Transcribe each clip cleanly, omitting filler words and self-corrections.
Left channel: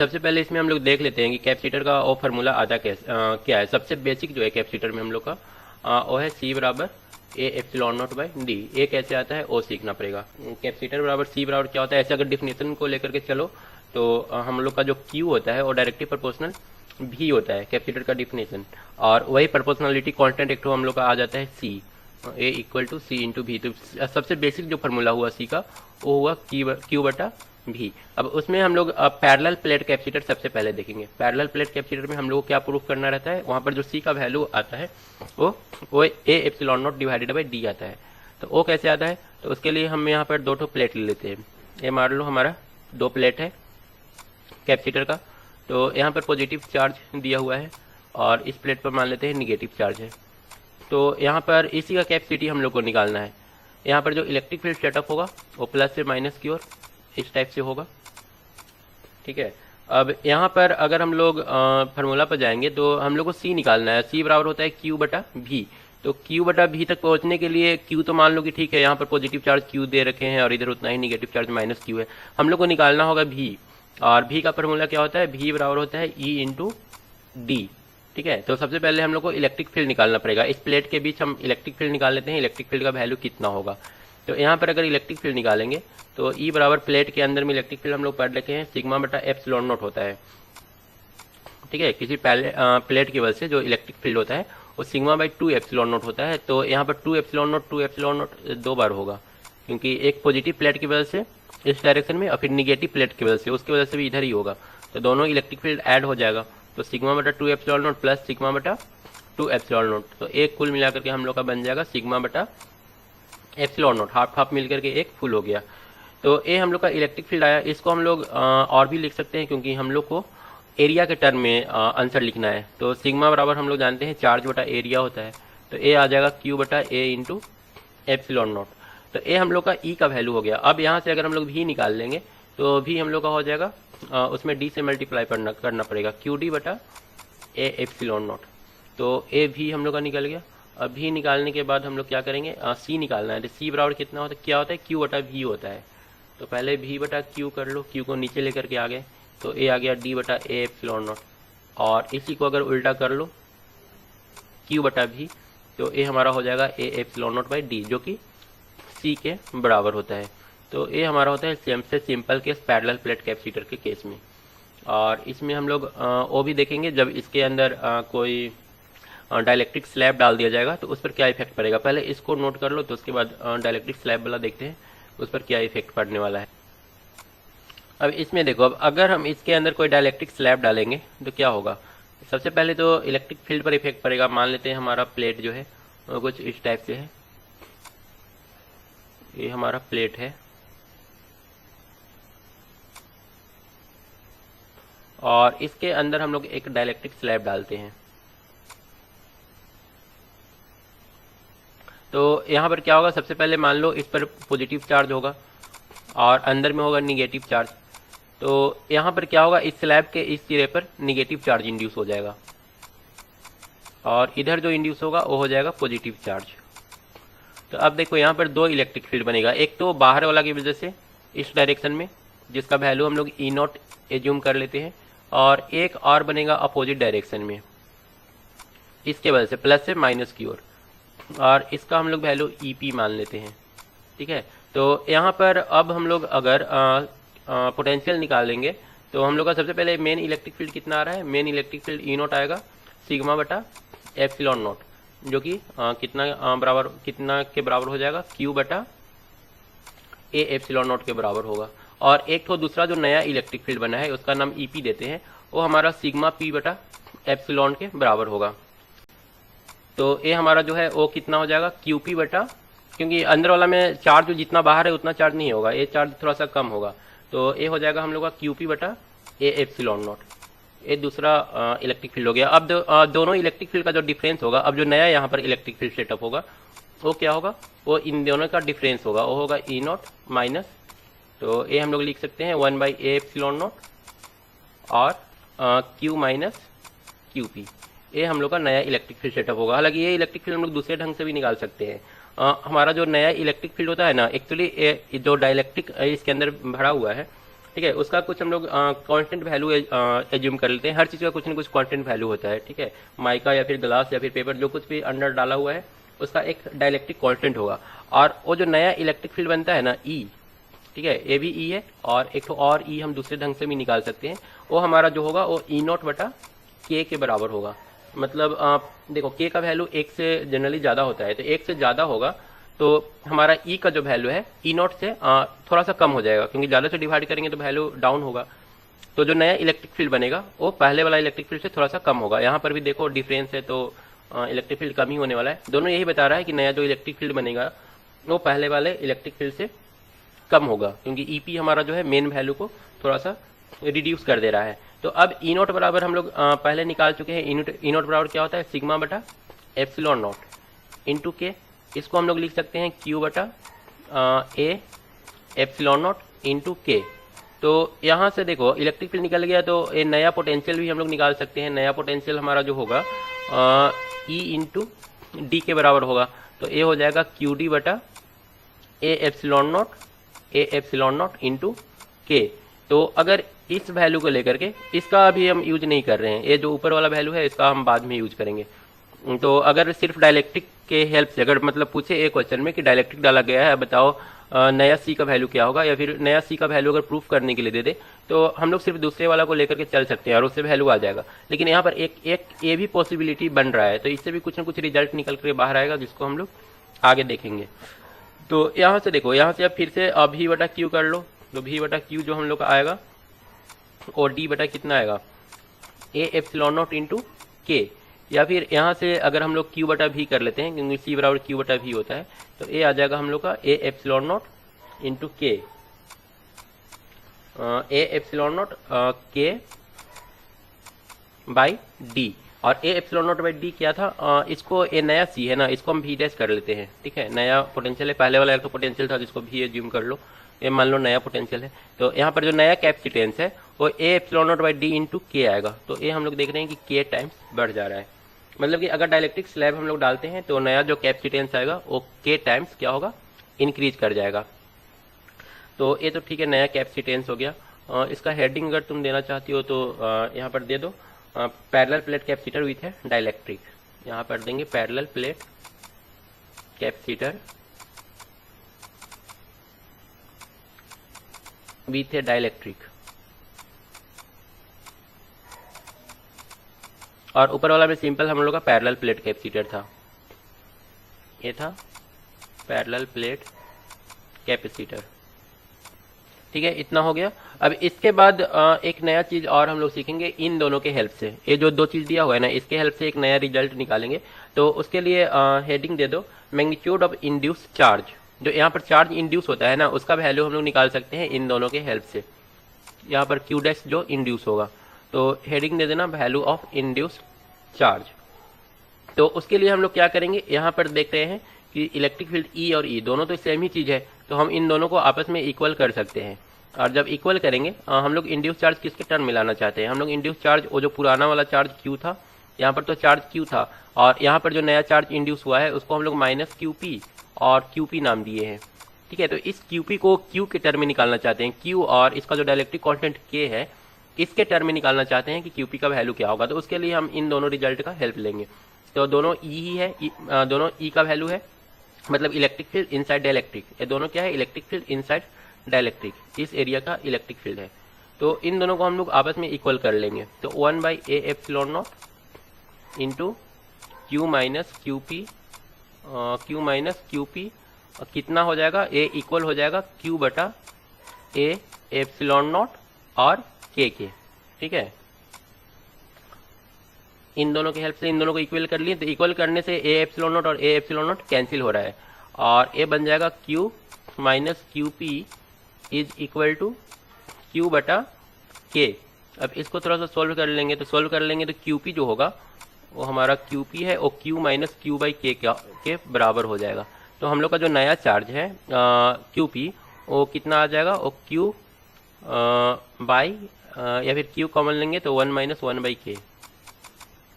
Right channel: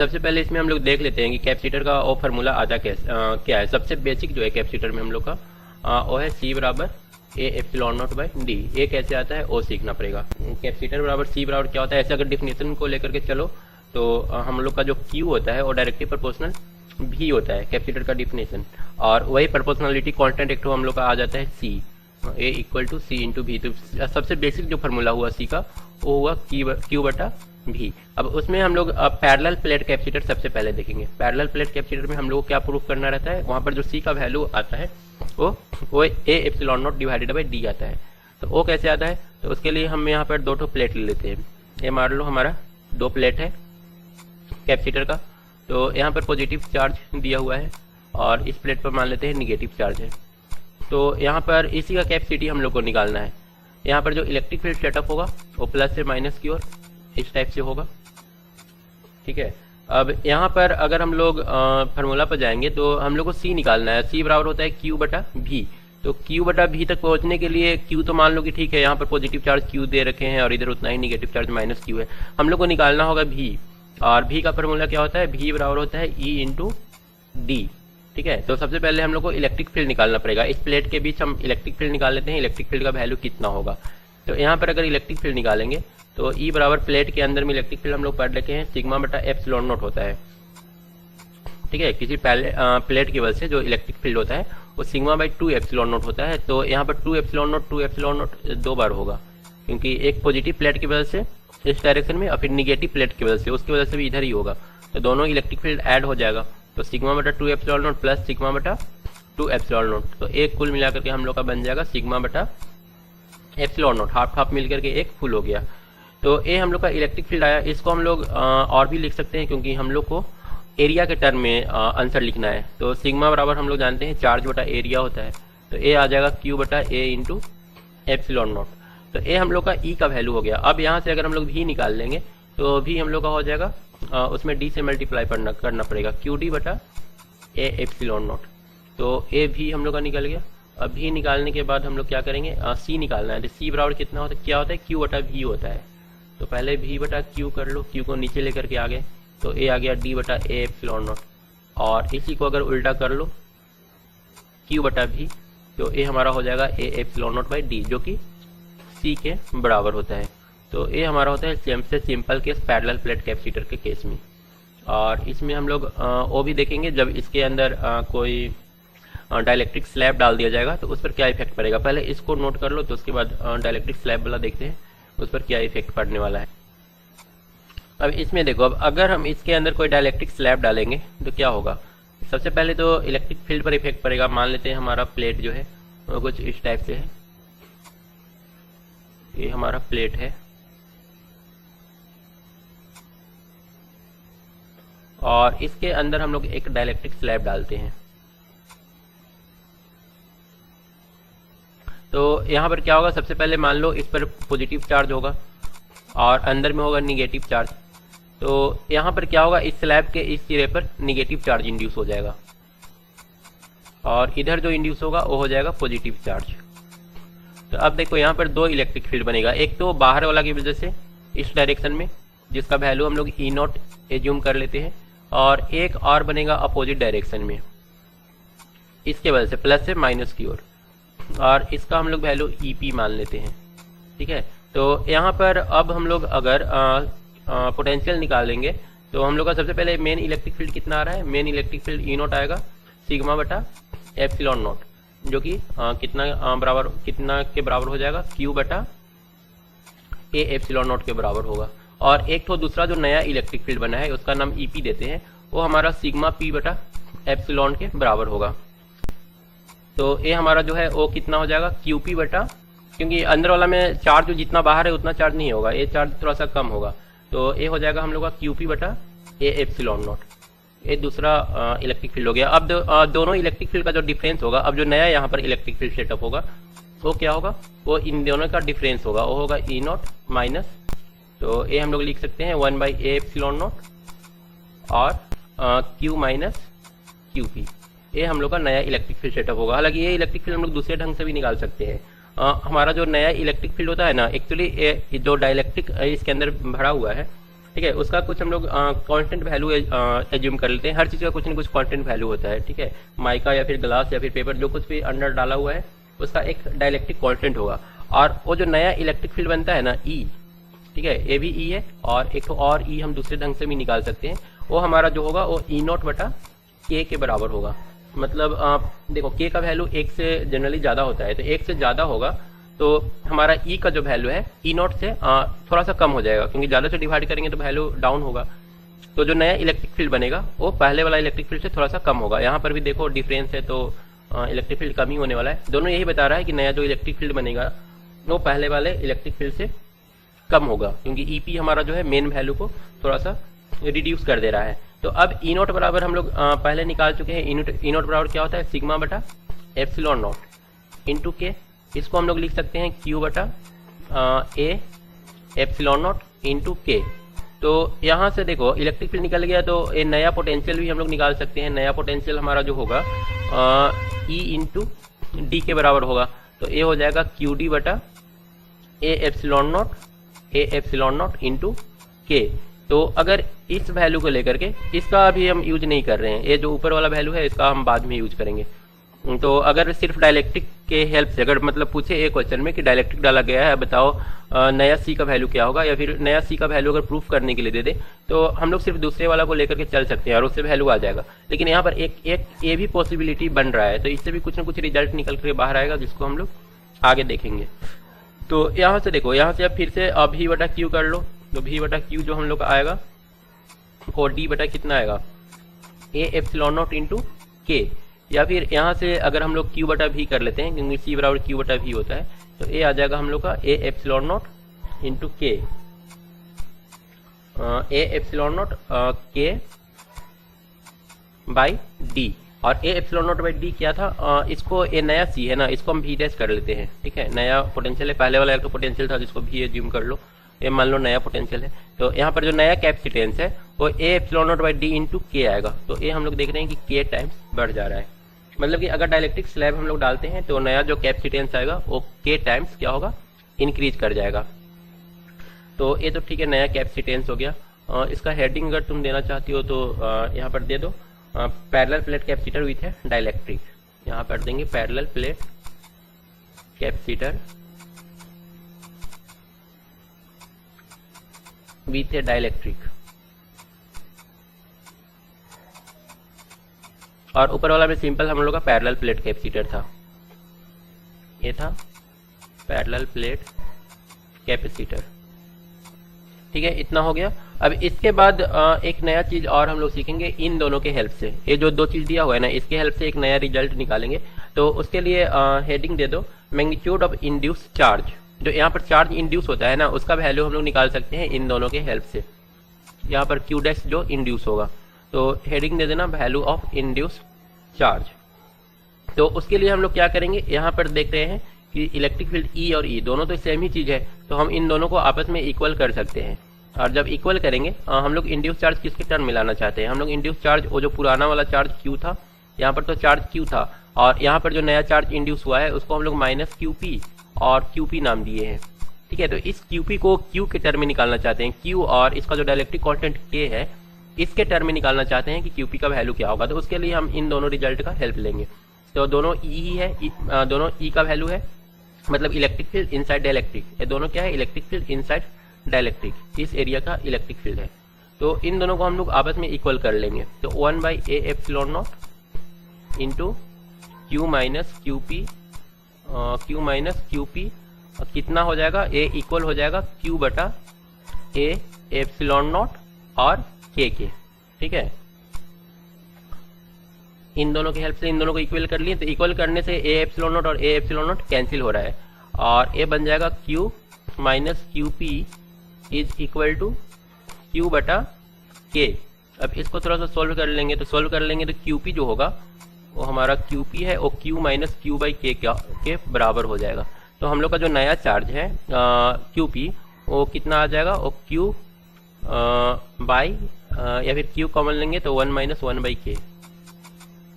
सबसे पहले इसमें हम लोग देख लेते हैं कि कैपेसिटर का ओ फार्मूला आता क्या है। सबसे बेसिक जो है कैपेसिटर में हम लोग का वो है C बराबर A epsilon not by D. ये कैसे आता है वो सीखना पड़ेगा। कैपेसिटर बराबर C बराबर क्या होता है, ऐसे अगर डिफिनेशन को लेकर के चलो तो हम लोग का जो Q होता है वो डायरेक्टली प्रोपोर्शनल V होता है कैपेसिटर का डिफिनेशन, और वही प्रोपोर्शनलिटी कांस्टेंट एक तो हम लोग का आ जाता है C, A equal to C into V। तो सबसे बेसिक जो फार्मूला हुआ C का वो हुआ Q बटा भी। अब उसमें हम लोग पैरेलल प्लेट कैपेसिटर सबसे पहले देखेंगे। पैरेलल प्लेट कैपेसिटर में हम लोग को क्या प्रूफ करना रहता है, वहां पर जो C का वैल्यू आता है वो A epsilon not divided by D आता है। तो वो कैसे आता है, तो उसके लिए हम यहाँ पर दो प्लेट ले लेते हैं। ये मान लो हमारा दो प्लेट है कैपेसिटर का, तो यहाँ पर पॉजिटिव चार्ज दिया हुआ है और इस प्लेट पर मान लेते हैं निगेटिव चार्ज है। तो यहाँ पर इसी का कैपेसिटी हम लोग को निकालना है। यहाँ पर जो इलेक्ट्रिक फील्ड सेटअप होगा वो प्लस से माइनस की ओर इस टाइप से होगा, ठीक है। अब यहाँ पर अगर हम लोग फार्मूला पर जाएंगे तो हम लोग को C निकालना है। C बराबर होता है Q बटा V। तो Q बटा V तक पहुंचने के लिए Q तो मान लो कि ठीक है, यहाँ पर पॉजिटिव चार्ज Q दे रखे हैं और इधर उतना ही निगेटिव चार्ज माइनस Q है। हम लोग को निकालना होगा V, और V का फार्मूला क्या होता है, V बराबर होता है E इंटू D, ठीक है। तो सबसे पहले हम लोग को इलेक्ट्रिक फील्ड निकालना पड़ेगा। इस प्लेट के बीच हम इलेक्ट्रिक फील्ड निकाल लेते हैं, इलेक्ट्रिक फील्ड का वैल्यू कितना होगा। तो यहाँ पर अगर इलेक्ट्रिक फील्ड निकालेंगे तो E बराबर प्लेट के अंदर में इलेक्ट्रिक फील्ड हम लोग पढ़ लेते हैं सिग्मा बटा एप्सिलॉन नॉट होता है, ठीक है। किसी प्लेट की वजह से जो इलेक्ट्रिक फील्ड होता है वो सिग्मा बाई 2 एप्सिलॉन नॉट होता है। तो यहाँ पर 2 एप्सिलॉन नॉट दो बार होगा, क्योंकि एक पॉजिटिव प्लेट की वजह से इस डायरेक्शन में और फिर निगेटिव प्लेट की वजह से उसकी वजह से भी इधर ही होगा। तो दोनों इलेक्ट्रिक फील्ड ऐड हो जाएगा, तो सिग्मा बटा 2 एप्सिलॉन नॉट प्लस सिग्मा बटा 2 एप्सिलॉन नॉट। तो एक कुल मिलाकर के हम लोग का बन जाएगा सिग्मा बटा एप्सिलॉन नॉट, हाफ हाफ मिलकर के एक फुल हो गया। तो ये हम लोग का इलेक्ट्रिक फील्ड आया। इसको हम लोग और भी लिख सकते हैं, क्योंकि हम लोग को एरिया के टर्म में आंसर लिखना है। तो सिग्मा बराबर हम लोग जानते हैं चार्ज बटा एरिया होता है, तो ए आ जाएगा Q बटा ए इंटू एप्सिलॉन नॉट। तो ये हम लोग का E का वैल्यू हो गया। अब यहाँ से अगर हम लोग V निकाल लेंगे तो V हम लोग का हो जाएगा उसमें D से मल्टीप्लाई करना पड़ेगा, QD बटा ए एप्सिलॉन नॉट। तो ए भी हम लोग का निकल गया। अब V निकालने के बाद हम लोग क्या करेंगे, C निकालना है। तो C बराबर कितना होता है, क्या होता है, Q बटा V होता है। तो पहले V बटा Q कर लो, Q को नीचे लेकर के आ गए तो A आ गया D बटा ए एप्सिलॉन नॉट, और इसी को अगर उल्टा कर लो Q बटा V, तो A हमारा हो जाएगा A epsilon not by D, जो कि C के बराबर होता है। तो A हमारा होता है सबसे simple case parallel plate capacitor के केस में। और इसमें हम लोग वो भी देखेंगे जब इसके अंदर कोई डाइलेक्ट्रिक स्लैब डाल दिया जाएगा तो उस पर क्या इफेक्ट पड़ेगा। पहले इसको नोट कर लो, तो उसके बाद डाइलेक्ट्रिक स्लैब वाला देखते हैं उस पर क्या इफेक्ट पड़ने वाला है। अब इसमें देखो, अब अगर हम इसके अंदर कोई डाइलेक्ट्रिक स्लैब डालेंगे तो क्या होगा। सबसे पहले तो इलेक्ट्रिक फील्ड पर इफेक्ट पड़ेगा। मान लेते हैं हमारा प्लेट जो है वो कुछ इस टाइप से है, ये हमारा प्लेट है और इसके अंदर हम लोग एक डाइलेक्ट्रिक स्लैब डालते हैं। तो यहाँ पर क्या होगा, सबसे पहले मान लो इस पर पॉजिटिव चार्ज होगा और अंदर में होगा निगेटिव चार्ज। तो यहाँ पर क्या होगा, इस स्लैब के इस सिरे पर निगेटिव चार्ज इंड्यूस हो जाएगा और इधर जो इंड्यूस होगा वो हो जाएगा पॉजिटिव चार्ज। तो अब देखो यहाँ पर दो इलेक्ट्रिक फील्ड बनेगा, एक तो बाहर वाला की वजह से इस डायरेक्शन में जिसका वैल्यू हम लोग E नॉट एज्यूम कर लेते हैं, और एक और बनेगा अपोजिट डायरेक्शन में इसके वजह से प्लस से माइनस की ओर, और इसका हम लोग वैल्यू EP मान लेते हैं, ठीक है। तो यहाँ पर अब हम लोग अगर पोटेंशियल निकालेंगे तो हम लोग का सबसे पहले मेन इलेक्ट्रिक फील्ड कितना आ रहा है, main electric field E not आएगा सिग्मा बटा एप्सिलॉन नॉट, जो कि कितना के बराबर हो जाएगा, Q बटा ए एप्सिलॉन नॉट के बराबर होगा। और एक तो दूसरा जो नया इलेक्ट्रिक फील्ड बना है उसका नाम EP देते हैं, वो हमारा सिग्मा P बटा एप्सिलॉन के बराबर होगा। तो ये हमारा जो है वो कितना हो जाएगा, QP बटा, क्योंकि अंदर वाला में चार्ज जो जितना बाहर है उतना चार्ज नहीं होगा, ये चार्ज थोड़ा सा कम होगा। तो ये हो जाएगा हम लोग का QP बटा ए एप्सिलॉन नॉट। ये दूसरा इलेक्ट्रिक फील्ड हो गया। अब दोनों इलेक्ट्रिक फील्ड का जो डिफरेंस होगा, अब जो नया यहाँ पर इलेक्ट्रिक फील्ड सेटअप होगा वो क्या होगा, वो इन दोनों का डिफरेंस होगा, वो होगा E नॉट माइनस, तो ये हम लोग लिख सकते हैं 1 बाई ए एप्सिलॉन नॉट और Q माइनस QP। ये हम लोग का नया इलेक्ट्रिक फील्ड सेटअप होगा। हालांकि ये इलेक्ट्रिक फील्ड हम लोग दूसरे ढंग से भी निकाल सकते हैं। हमारा जो नया इलेक्ट्रिक फील्ड होता है ना, एक्चुअली जो डाइलेक्ट्रिक इसके अंदर भरा हुआ है ठीक है, उसका कुछ हम लोग कांस्टेंट वैल्यू एज्यूम कर लेते हैं। हर चीज का कुछ ना कुछ कांस्टेंट वैल्यू होता है, ठीक है, माइका या फिर ग्लास या फिर पेपर, जो कुछ भी अंदर डाला हुआ है उसका एक डाइलेक्ट्रिक कांस्टेंट होगा। और वो जो नया इलेक्ट्रिक फील्ड बनता है ना ई, ठीक है, ये भी ई है, और एक तो और ई हम दूसरे ढंग से भी निकाल सकते हैं। वो हमारा जो होगा वो ई नॉट बटा के के बराबर होगा। मतलब आप देखो के का वैल्यू एक से जनरली ज्यादा होता है, तो एक से ज्यादा होगा तो हमारा ई का जो वैल्यू है ई नॉट से थोड़ा सा कम हो जाएगा, क्योंकि ज्यादा से डिवाइड करेंगे तो वैल्यू डाउन होगा। तो जो नया इलेक्ट्रिक फील्ड बनेगा वो पहले वाला इलेक्ट्रिक फील्ड से थोड़ा सा कम होगा। यहाँ पर भी देखो डिफरेंस है, तो इलेक्ट्रिक फील्ड कम ही होने वाला है। दोनों यही बता रहा है कि नया जो इलेक्ट्रिक फील्ड बनेगा वो पहले वाले इलेक्ट्रिक फील्ड से कम होगा, क्योंकि ईपी हमारा जो है मेन वैल्यू को थोड़ा सा रिड्यूस कर दे रहा है। तो अब ई नोट बराबर हम लोग पहले निकाल चुके हैं। ई नोट बराबर क्या होता है, सिग्मा बटा एप्सिलॉन नॉट इंटू के। इसको हम लोग लिख सकते हैं क्यू बटा ए एप्सिलॉन नॉट इंटू के। तो यहाँ से देखो इलेक्ट्रिक फील्ड निकल गया, तो ये नया पोटेंशियल भी हम लोग निकाल सकते हैं। नया पोटेंशियल हमारा जो होगा ई इंटू डी के बराबर होगा। तो ये हो जाएगा क्यू डी बटा ए एप्सिलॉन नॉट इंटू के। तो अगर इस वैल्यू को लेकर के, इसका अभी हम यूज नहीं कर रहे हैं, ये जो ऊपर वाला वैल्यू है इसका हम बाद में यूज करेंगे। तो अगर सिर्फ डायलेक्ट्रिक के हेल्प से अगर मतलब पूछे एक क्वेश्चन में कि डायलेक्ट्रिक डाला गया है, बताओ नया सी का वैल्यू क्या होगा, या फिर नया सी का वैल्यू अगर प्रूफ करने के लिए दे दे, तो हम लोग सिर्फ दूसरे वाला को लेकर के चल सकते हैं और उससे वैल्यू आ जाएगा। लेकिन यहाँ पर एक ये भी पॉसिबिलिटी बन रहा है, तो इससे भी कुछ ना कुछ रिजल्ट निकल के बाहर आएगा, जिसको हम लोग आगे देखेंगे। तो यहाँ से देखो, यहाँ से अब फिर से भी बटा क्यू कर लो, तो भी बटा क्यू जो हम लोग आएगा और डी बटा कितना आएगा ए एप्सिलॉन नॉट इंटू के। या फिर यहाँ से अगर हम लोग क्यू बटा भी कर लेते हैं, क्योंकि सी बराबर क्यू बटा भी होता है, तो ये आ जाएगा हम लोग का ए एप्सिलॉन नॉट इंटू के, ए एप्सिलॉन नॉट के बाई डी। और A epsilon not by D क्या था, इसको ए नया सी है ना, इसको हम भी डैश कर लेते हैं, ठीक है। नया पोटेंशियल है, पहले वाला तो पोटेंशियल था जिसको भी एज्यूम कर लो, ये मान लो नया पोटेंशियल है। तो यहाँ पर जो नया कैपेसिटेंस है वो A epsilon not by D into के आएगा। तो ये हम लोग देख रहे हैं कि के टाइम्स बढ़ जा रहा है, मतलब कि अगर डायलेक्ट्रिक स्लैब हम लोग डालते हैं तो नया जो कैपेसिटेंस आएगा वो के टाइम्स क्या होगा, इंक्रीज कर जाएगा। तो ये तो ठीक है, नया कैपेसिटेंस हो गया। इसका हेडिंग अगर तुम देना चाहती हो तो यहाँ पर दे दो पैरेलल प्लेट कैपेसिटर विथ है डाइलेक्ट्रिक। यहाँ पर देंगे पैरेलल प्लेट कैपेसिटर विथ है डाइलेक्ट्रिक, और ऊपर वाला में सिंपल हम लोग का पैरेलल प्लेट कैपेसिटर था, ये था पैरेलल प्लेट कैपेसिटर, ठीक है। इतना हो गया। अब इसके बाद एक नया चीज और हम लोग सीखेंगे इन दोनों के हेल्प से। ये जो दो चीज दिया हुआ है ना, इसके हेल्प से एक नया रिजल्ट निकालेंगे। तो उसके लिए हेडिंग दे दो मैग्नीट्यूड ऑफ इंड्यूस चार्ज। जो यहाँ पर चार्ज इंड्यूस होता है ना, उसका वैल्यू हम लोग निकाल सकते हैं इन दोनों के हेल्प से। यहाँ पर क्यू डैश जो इंड्यूस होगा, तो हेडिंग दे देना वैल्यू ऑफ इंड्यूस चार्ज। तो उसके लिए हम लोग क्या करेंगे, यहाँ पर देख रहे हैं कि इलेक्ट्रिक फील्ड ई और ई दोनों तो सेम ही चीज है, तो हम इन दोनों को आपस में इक्वल कर सकते हैं। और जब इक्वल करेंगे, हम लोग इंड्यूस चार्ज किसके टर्म मिलाना चाहते हैं, हम लोग इंड्यूस चार्ज वो जो पुराना वाला चार्ज क्यू था, यहाँ पर तो चार्ज क्यू था, और यहाँ पर जो नया चार्ज इंड्यूस हुआ है उसको हम लोग माइनस क्यू पी और क्यू पी नाम दिए हैं, ठीक है। तो इस क्यू पी को क्यू के टर्म में निकालना चाहते हैं, क्यू और इसका जो डाइलेक्ट्रिक कांस्टेंट के है इसके टर्म में निकालना चाहते हैं कि क्यूपी का वैल्यू क्या होगा। तो उसके लिए हम इन दोनों रिजल्ट का हेल्प लेंगे। तो दोनों ई है, दोनों ई का वैल्यू है, मतलब इलेक्ट्रिक फील्ड इनसाइड डाइलेक्ट्रिक, ये दोनों क्या है, इलेक्ट्रिक फील्ड इनसाइड डाइलेक्ट्रिक, इस एरिया का इलेक्ट्रिक फील्ड है। तो इन दोनों को हम लोग आपस में इक्वल कर लेंगे। तो 1 by A epsilon naught into Q minus Q P, Q minus Q P कितना हो जाएगा, ए इक्वल हो जाएगा क्यू बटा ए एप्सिलॉन नॉट और के, ठीक है। इन दोनों की हेल्प से इन दोनों को इक्वल कर लिए, तो इक्वल करने से ए एप्सिलॉन नॉट और ए एप्सिलॉन नॉट कैंसिल हो रहा है, और ए बन जाएगा Q minus Q P is equal to Q बटा के। अब इसको थोड़ा सा सोल्व कर लेंगे, तो सोल्व कर लेंगे तो क्यू पी जो होगा वो हमारा क्यू पी है, और क्यू माइनस क्यू बाई के बराबर हो जाएगा। तो हम लोग का जो नया चार्ज है क्यू पी वो कितना आ जाएगा, और क्यू बाई या फिर क्यू कॉमन लेंगे तो 1 माइनस 1 बाई के,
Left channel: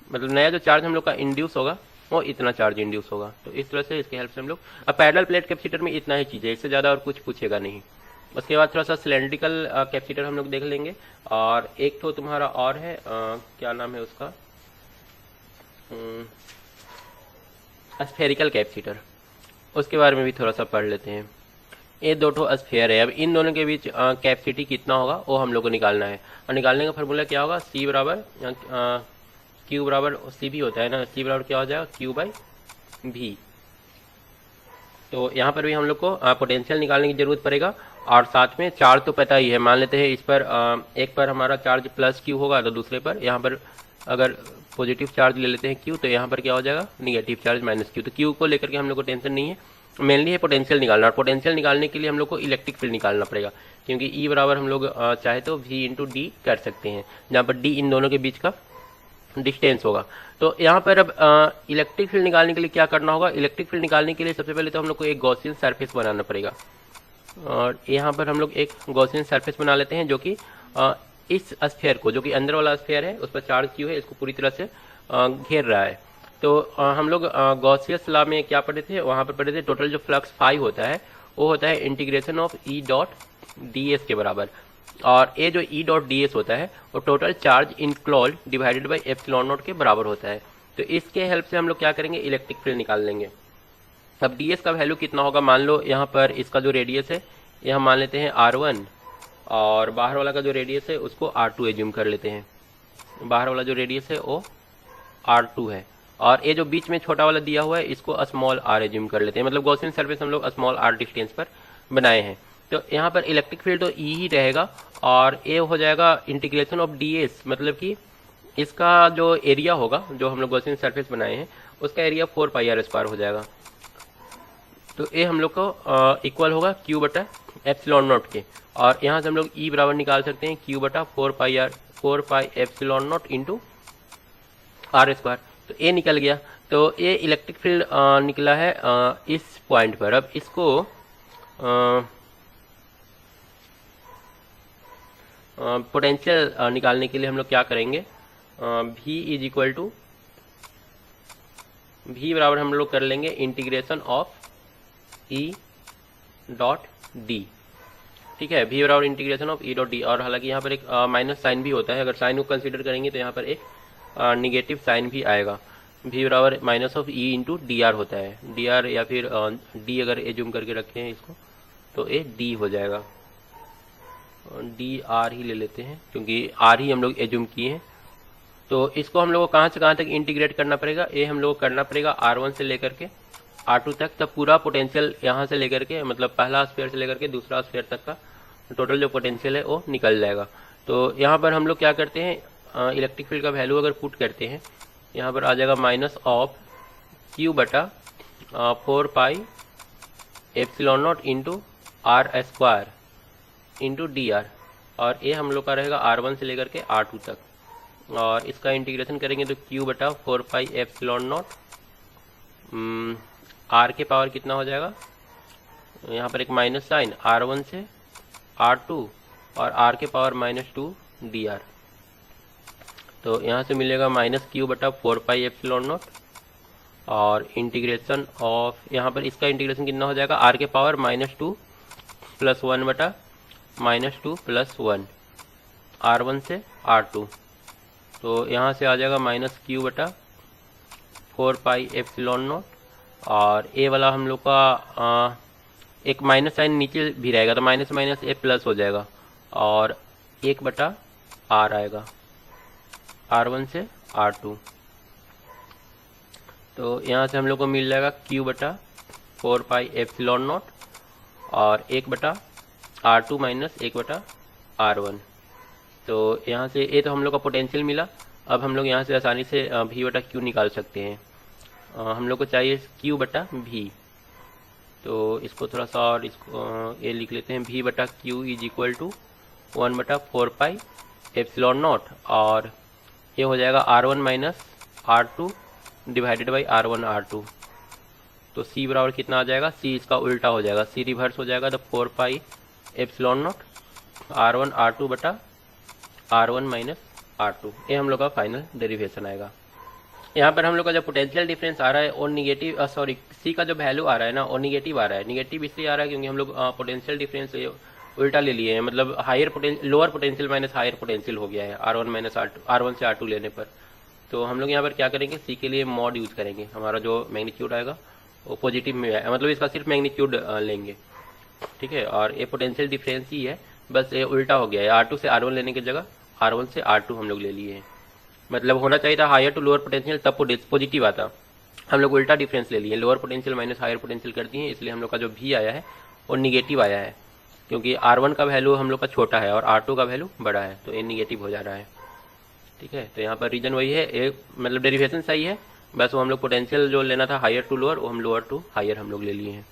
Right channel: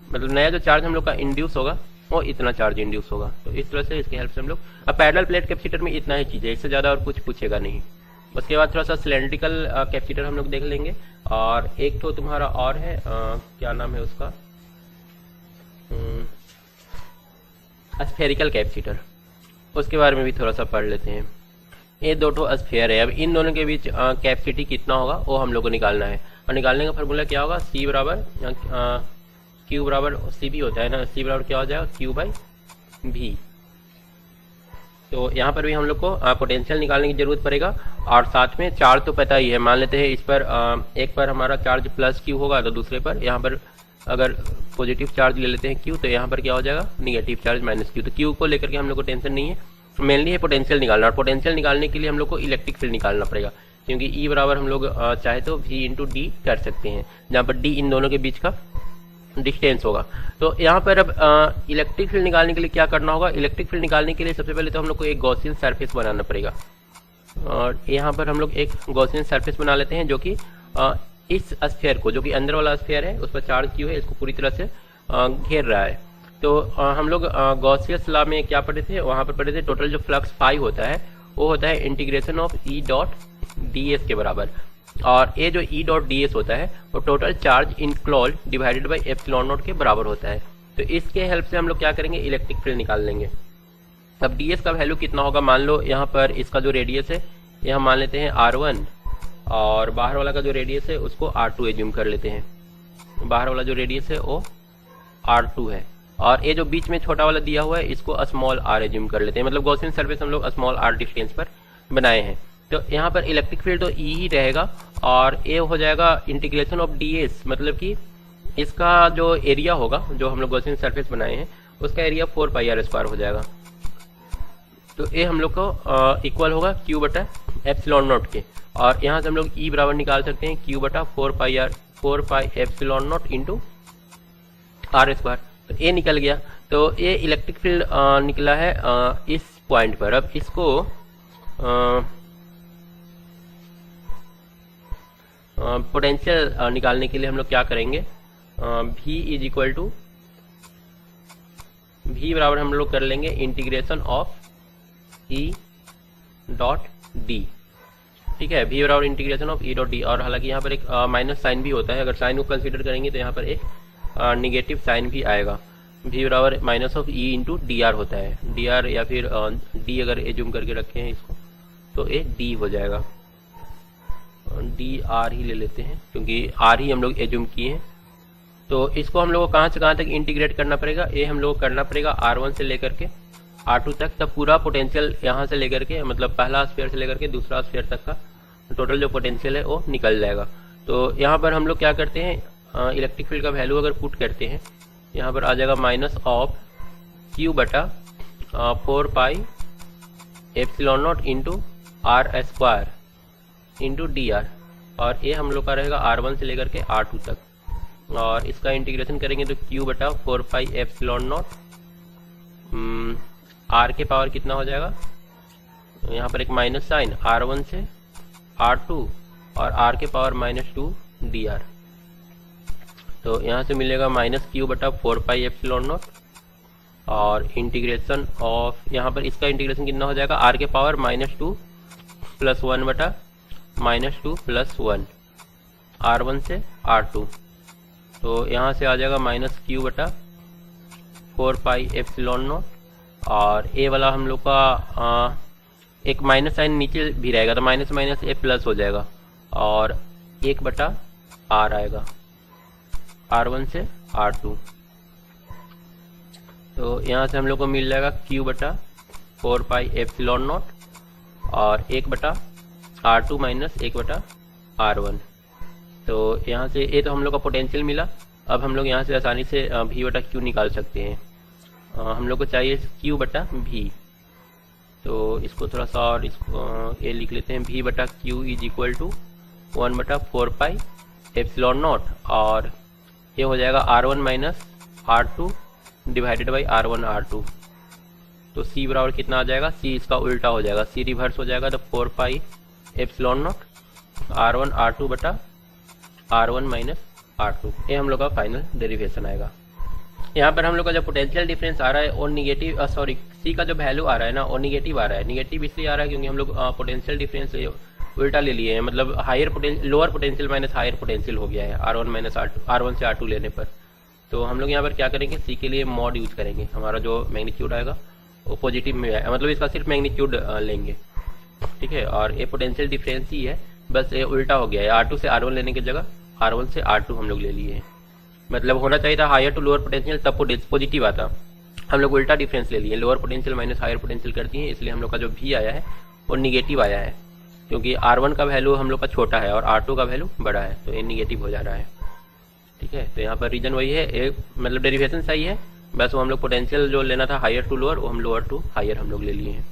मतलब नया जो चार्ज हम लोग का इंड्यूस होगा वो इतना चार्ज इंड्यूस होगा। तो इस तरह से इसके हेल्प से हम लोग, अब पैरेलल प्लेट कैपेसिटर में इतना ही चीज है, इससे ज्यादा और कुछ पूछेगा नहीं। उसके बाद थोड़ा सा सिलेंड्रिकल कैपेसिटर हम लोग देख लेंगे, और एक तो तुम्हारा और है क्या नाम है उसका, स्फेरिकल कैपेसिटर, उसके बारे में भी थोड़ा सा पढ़ लेते हैं। ये दो स्फेयर है, अब इन दोनों के बीच कैपेसिटी कितना होगा वो हम लोग को निकालना है, और निकालने का फॉर्मूला क्या होगा, सी बराबर क्यू बराबर सी भी होता है ना, सी बराबर क्या हो जाएगा, क्यू बाई भी। तो यहाँ पर भी हम लोग को पोटेंशियल निकालने की जरूरत पड़ेगा, और साथ में चार्ज तो पता ही है, मान लेते हैं इस पर एक पर हमारा चार्ज प्लस क्यू होगा, तो दूसरे पर यहाँ पर अगर पॉजिटिव चार्ज ले लेते हैं क्यू, तो यहाँ पर क्या हो जाएगा, निगेटिव चार्ज माइनस क्यू। तो क्यू को लेकर के हम लोग को टेंशन नहीं है, मेनली पोटेंशियल निकालना, और पोटेंशियल निकालने के लिए हम लोग को इलेक्ट्रिक फील्ड निकालना पड़ेगा, क्योंकि ई बराबर हम लोग चाहे तो वी इंटू डी कर सकते हैं, जहाँ पर डी इन दोनों के बीच का डिस्टेंस होगा। तो यहाँ पर अब इलेक्ट्रिक फील्ड निकालने के लिए क्या करना होगा, इलेक्ट्रिक फील्ड निकालने के लिए सबसे पहले तो हम लोग को एक गॉसियन सरफेस बनाना पड़ेगा, और यहाँ पर हम लोग एक गॉसियन सरफेस बना लेते हैं, जो कि इस स्फीयर को, जो कि अंदर वाला स्फीयर है उस पर चार्ज क्यू है, इसको पूरी तरह से घेर रहा है। तो हम लोग गॉसियस लॉ में क्या पढ़े थे, वहां पर पढ़े थे टोटल जो फ्लक्स फाई होता है वो होता है integration of E dot D S के बराबर, और ये जो ई डॉट डी एस होता है वो total charge enclosed divided by epsilon not के बराबर होता है। तो इसके हेल्प से हम लोग क्या करेंगे, इलेक्ट्रिक फील्ड निकाल लेंगे। तब डी एस का वैल्यू कितना होगा, मान लो यहाँ पर इसका जो रेडियस है यह मान लेते हैं R1, और बाहर वाला का जो रेडियस है उसको R2 एज्यूम कर लेते हैं, बाहर वाला जो रेडियस है वो R2 है, और ये जो बीच में छोटा वाला दिया हुआ है इसको स्मॉल r एज्यूम कर लेते हैं, मतलब गॉसियन सरफेस हम लोग स्मॉल r डिस्टेंस पर बनाए हैं। तो यहाँ पर इलेक्ट्रिक फील्ड तो ई ही रहेगा, और ये हो जाएगा इंटीग्रेशन ऑफ ds, मतलब कि इसका जो एरिया होगा, जो हम लोग गॉसियन सरफेस बनाए हैं उसका एरिया 4πr² हो जाएगा। तो ये हम लोग को इक्वल होगा क्यू बटा एप्सिलॉन नॉट के, और यहाँ से हम लोग ई बराबर निकाल सकते हैं क्यू बटा 4π एप्सिलॉन नॉट इंटू r²। तो ये निकल गया, तो ये इलेक्ट्रिक फील्ड निकला है इस पॉइंट पर। अब इसको पोटेंशियल निकालने के लिए हम लोग क्या करेंगे, V is equal to V बराबर हम लोग कर लेंगे integration of E dot d, ठीक है, V बराबर integration of E dot d, और हालांकि यहाँ पर एक माइनस साइन भी होता है, अगर साइन को कंसीडर करेंगे तो यहाँ पर एक निगेटिव साइन भी आएगा। V बराबर minus of E into D are होता है, डी आर या फिर D अगर एज्यूम करके रखे हैं इसको तो ये D हो जाएगा, डी आर ही ले लेते हैं क्योंकि R ही हम लोग एज्यूम किए हैं। तो इसको हम लोग को कहाँ से कहाँ तक इंटीग्रेट करना पड़ेगा, ये हम लोग को करना पड़ेगा R1 से लेकर के R2 तक, तब पूरा पोटेंशियल यहाँ से लेकर के, मतलब पहला स्फीयर से लेकर के दूसरा स्फीयर तक का टोटल जो पोटेंशियल है वो निकल जाएगा। तो यहाँ पर हम लोग क्या करते हैं, इलेक्ट्रिक फील्ड का वैल्यू अगर पुट करते हैं, यहाँ पर आ जाएगा माइनस ऑफ क्यू बटा 4π epsilon naught into r² into D R, और ये हम लोग का रहेगा R1 से लेकर के R2 तक, और इसका इंटीग्रेशन करेंगे तो क्यू बटा 4π एप्सिलॉन नॉट R के पावर कितना हो जाएगा, यहाँ पर एक माइनस साइन R1 से R2 और R के पावर -2 dr। तो यहाँ से मिलेगा माइनस क्यू बटा 4π एप्सिलॉन नॉट, और इंटीग्रेशन ऑफ यहाँ पर इसका इंटीग्रेशन कितना हो जाएगा, R के पावर -2 + 1 बटा -2 + 1 R1 से R2। तो यहाँ से आ जाएगा माइनस क्यू बटा 4π एप्सिलॉन नॉट, और ए वाला हम लोग का एक माइनस साइन नीचे भी रहेगा तो माइनस माइनस ए प्लस हो जाएगा, और 1 बटा R आएगा R1 से R2। तो यहाँ से हम लोग को मिल जाएगा क्यू बटा 4π एप्सिलॉन नॉट और 1 बटा R2 माइनस 1 बटा R1। तो यहाँ से ये तो हम लोग को पोटेंशियल मिला। अब हम लोग यहाँ से आसानी से V बटा Q निकाल सकते हैं। हम लोग को चाहिए Q बटा V, तो इसको थोड़ा सा और इसको ये लिख लेते हैं, V बटा Q इज इक्वल टू 1 बटा 4π एप्सिलॉन नॉट, और ये हो जाएगा R1 minus R2 divided by R1 R2। तो C बराबर कितना आ जाएगा, C इसका उल्टा हो जाएगा, C रिवर्स हो जाएगा, तो 4π एप्सिलॉन नॉट R1 R2 बटा R1 माइनस R2। ये हम लोग का फाइनल डेरिवेशन आएगा। यहाँ पर हम लोग का जो पोटेंशियल डिफरेंस आ रहा है और निगेटिव सॉरी C का जो वैल्यू आ रहा है ना वो निगेटिव आ रहा है। निगेटिव इसलिए आ रहा है क्योंकि हम लोग पोटेंशियल डिफरेंस उल्टा ले लिए हैं, मतलब higher potential, lower potential minus higher potential हो गया है R1 माइनस R1 से R2 लेने पर। तो हम लोग यहाँ पर क्या करेंगे, C के लिए मॉड यूज करेंगे, हमारा जो मैग्नीट्यूड आएगा वो पॉजिटिव में आएगा, मतलब इसका सिर्फ मैग्नीट्यूड लेंगे, ठीक है। और ये पोटेंशियल डिफरेंस ही है, बस ये उल्टा हो गया है, R2 से R1 लेने की जगह R1 से R2 हम लोग ले लिए हैं। मतलब होना चाहिए था हायर टू लोअर पोटेंशियल, तब पॉजिटिव आता, हम लोग उल्टा डिफरेंस ले लिए, lower potential minus higher potential करती हैं, इसलिए हम लोग का जो भी आया है वो निगेटिव आया है, क्योंकि R1 का वैल्यू हम लोग का छोटा है और R2 का वैल्यू बड़ा है, तो ये निगेटिव हो जा रहा है, ठीक है। तो यहाँ पर रीजन वही है, एक मतलब डेरिवेशन सही है, बस वो हम लोग पोटेंशियल जो लेना था हायर टू लोअर, वो हम लोअर टू हायर हम लोग ले लिए हैं,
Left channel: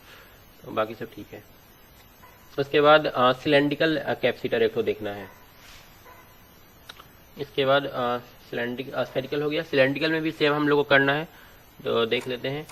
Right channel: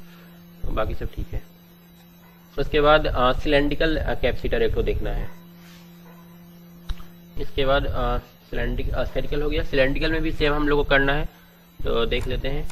तो बाकी सब ठीक है। उसके बाद सिलेंड्रिकल कैपेसिटर एक तो देखना है, इसके बाद स्फेरिकल हो गया, सिलेंड्रिकल में भी सेम हम लोग को करना है, तो देख लेते हैं।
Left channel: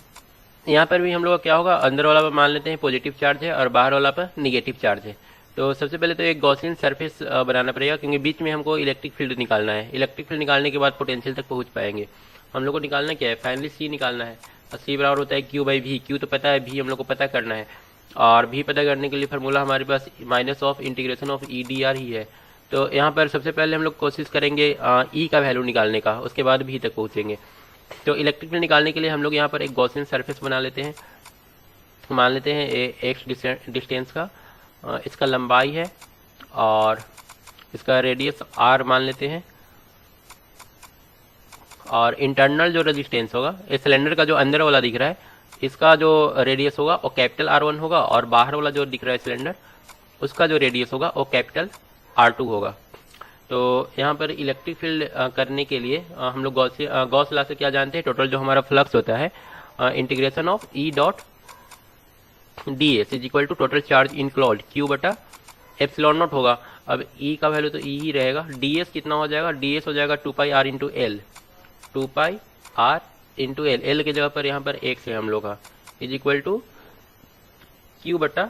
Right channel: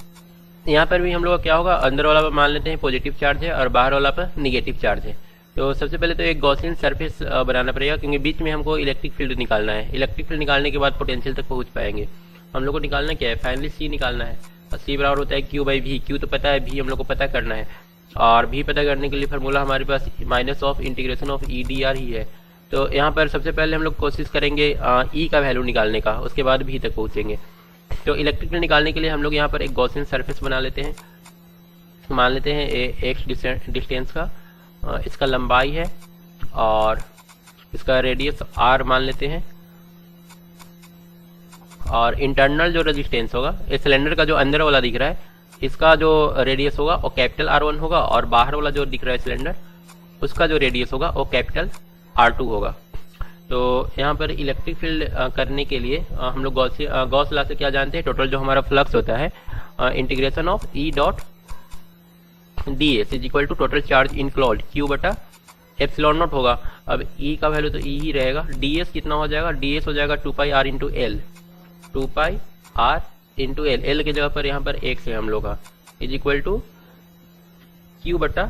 यहाँ पर भी हम लोग क्या होगा, अंदर वाला पर मान लेते हैं पॉजिटिव चार्ज है और बाहर वाला पर निगेटिव चार्ज है। तो सबसे पहले तो एक गॉसियन सरफेस बनाना पड़ेगा, क्योंकि बीच में हमको इलेक्ट्रिक फील्ड निकालना है, इलेक्ट्रिक फील्ड निकालने के बाद पोटेंशियल तक पहुंच पाएंगे। हम लोग को निकालना क्या है, फाइनली C निकालना है, C बराबर होता है Q बाई V, Q तो पता है, V हम लोग को पता करना है, और V पता करने के लिए फार्मूला हमारे पास minus of integration of EdR ही है। तो यहाँ पर सबसे पहले हम लोग कोशिश करेंगे E का वैल्यू निकालने का, उसके बाद V तक पहुंचेंगे। तो इलेक्ट्रिक फील्ड निकालने के लिए हम लोग यहाँ पर एक गॉसियन सरफेस बना लेते हैं, मान लेते हैं x डिस्टेंस का, इसका लंबाई है और इसका रेडियस R मान लेते हैं, और इंटरनल जो रेजिस्टेंस होगा, इस सिलेंडर का जो अंदर वाला दिख रहा है, इसका जो रेडियस होगा वो कैपिटल R1 होगा, और बाहर वाला जो दिख रहा है सिलेंडर, उसका जो रेडियस होगा वो कैपिटल R2 होगा। तो यहाँ पर इलेक्ट्रिक फील्ड करने के लिए हम लोग गॉस लॉ से क्या जानते हैं, टोटल जो हमारा फ्लक्स होता है integration of E dot ds is equal to total charge enclosed Q बटा एप्सिलॉन नॉट होगा। अब E का वैल्यू तो E ही रहेगा, ds कितना हो जाएगा, ds हो जाएगा 2 पाई R इंटू एल, 2 पाई R इंटू एल, एल की जगह पर यहाँ पर x है हम लोग का, इज इक्वल टू Q बटा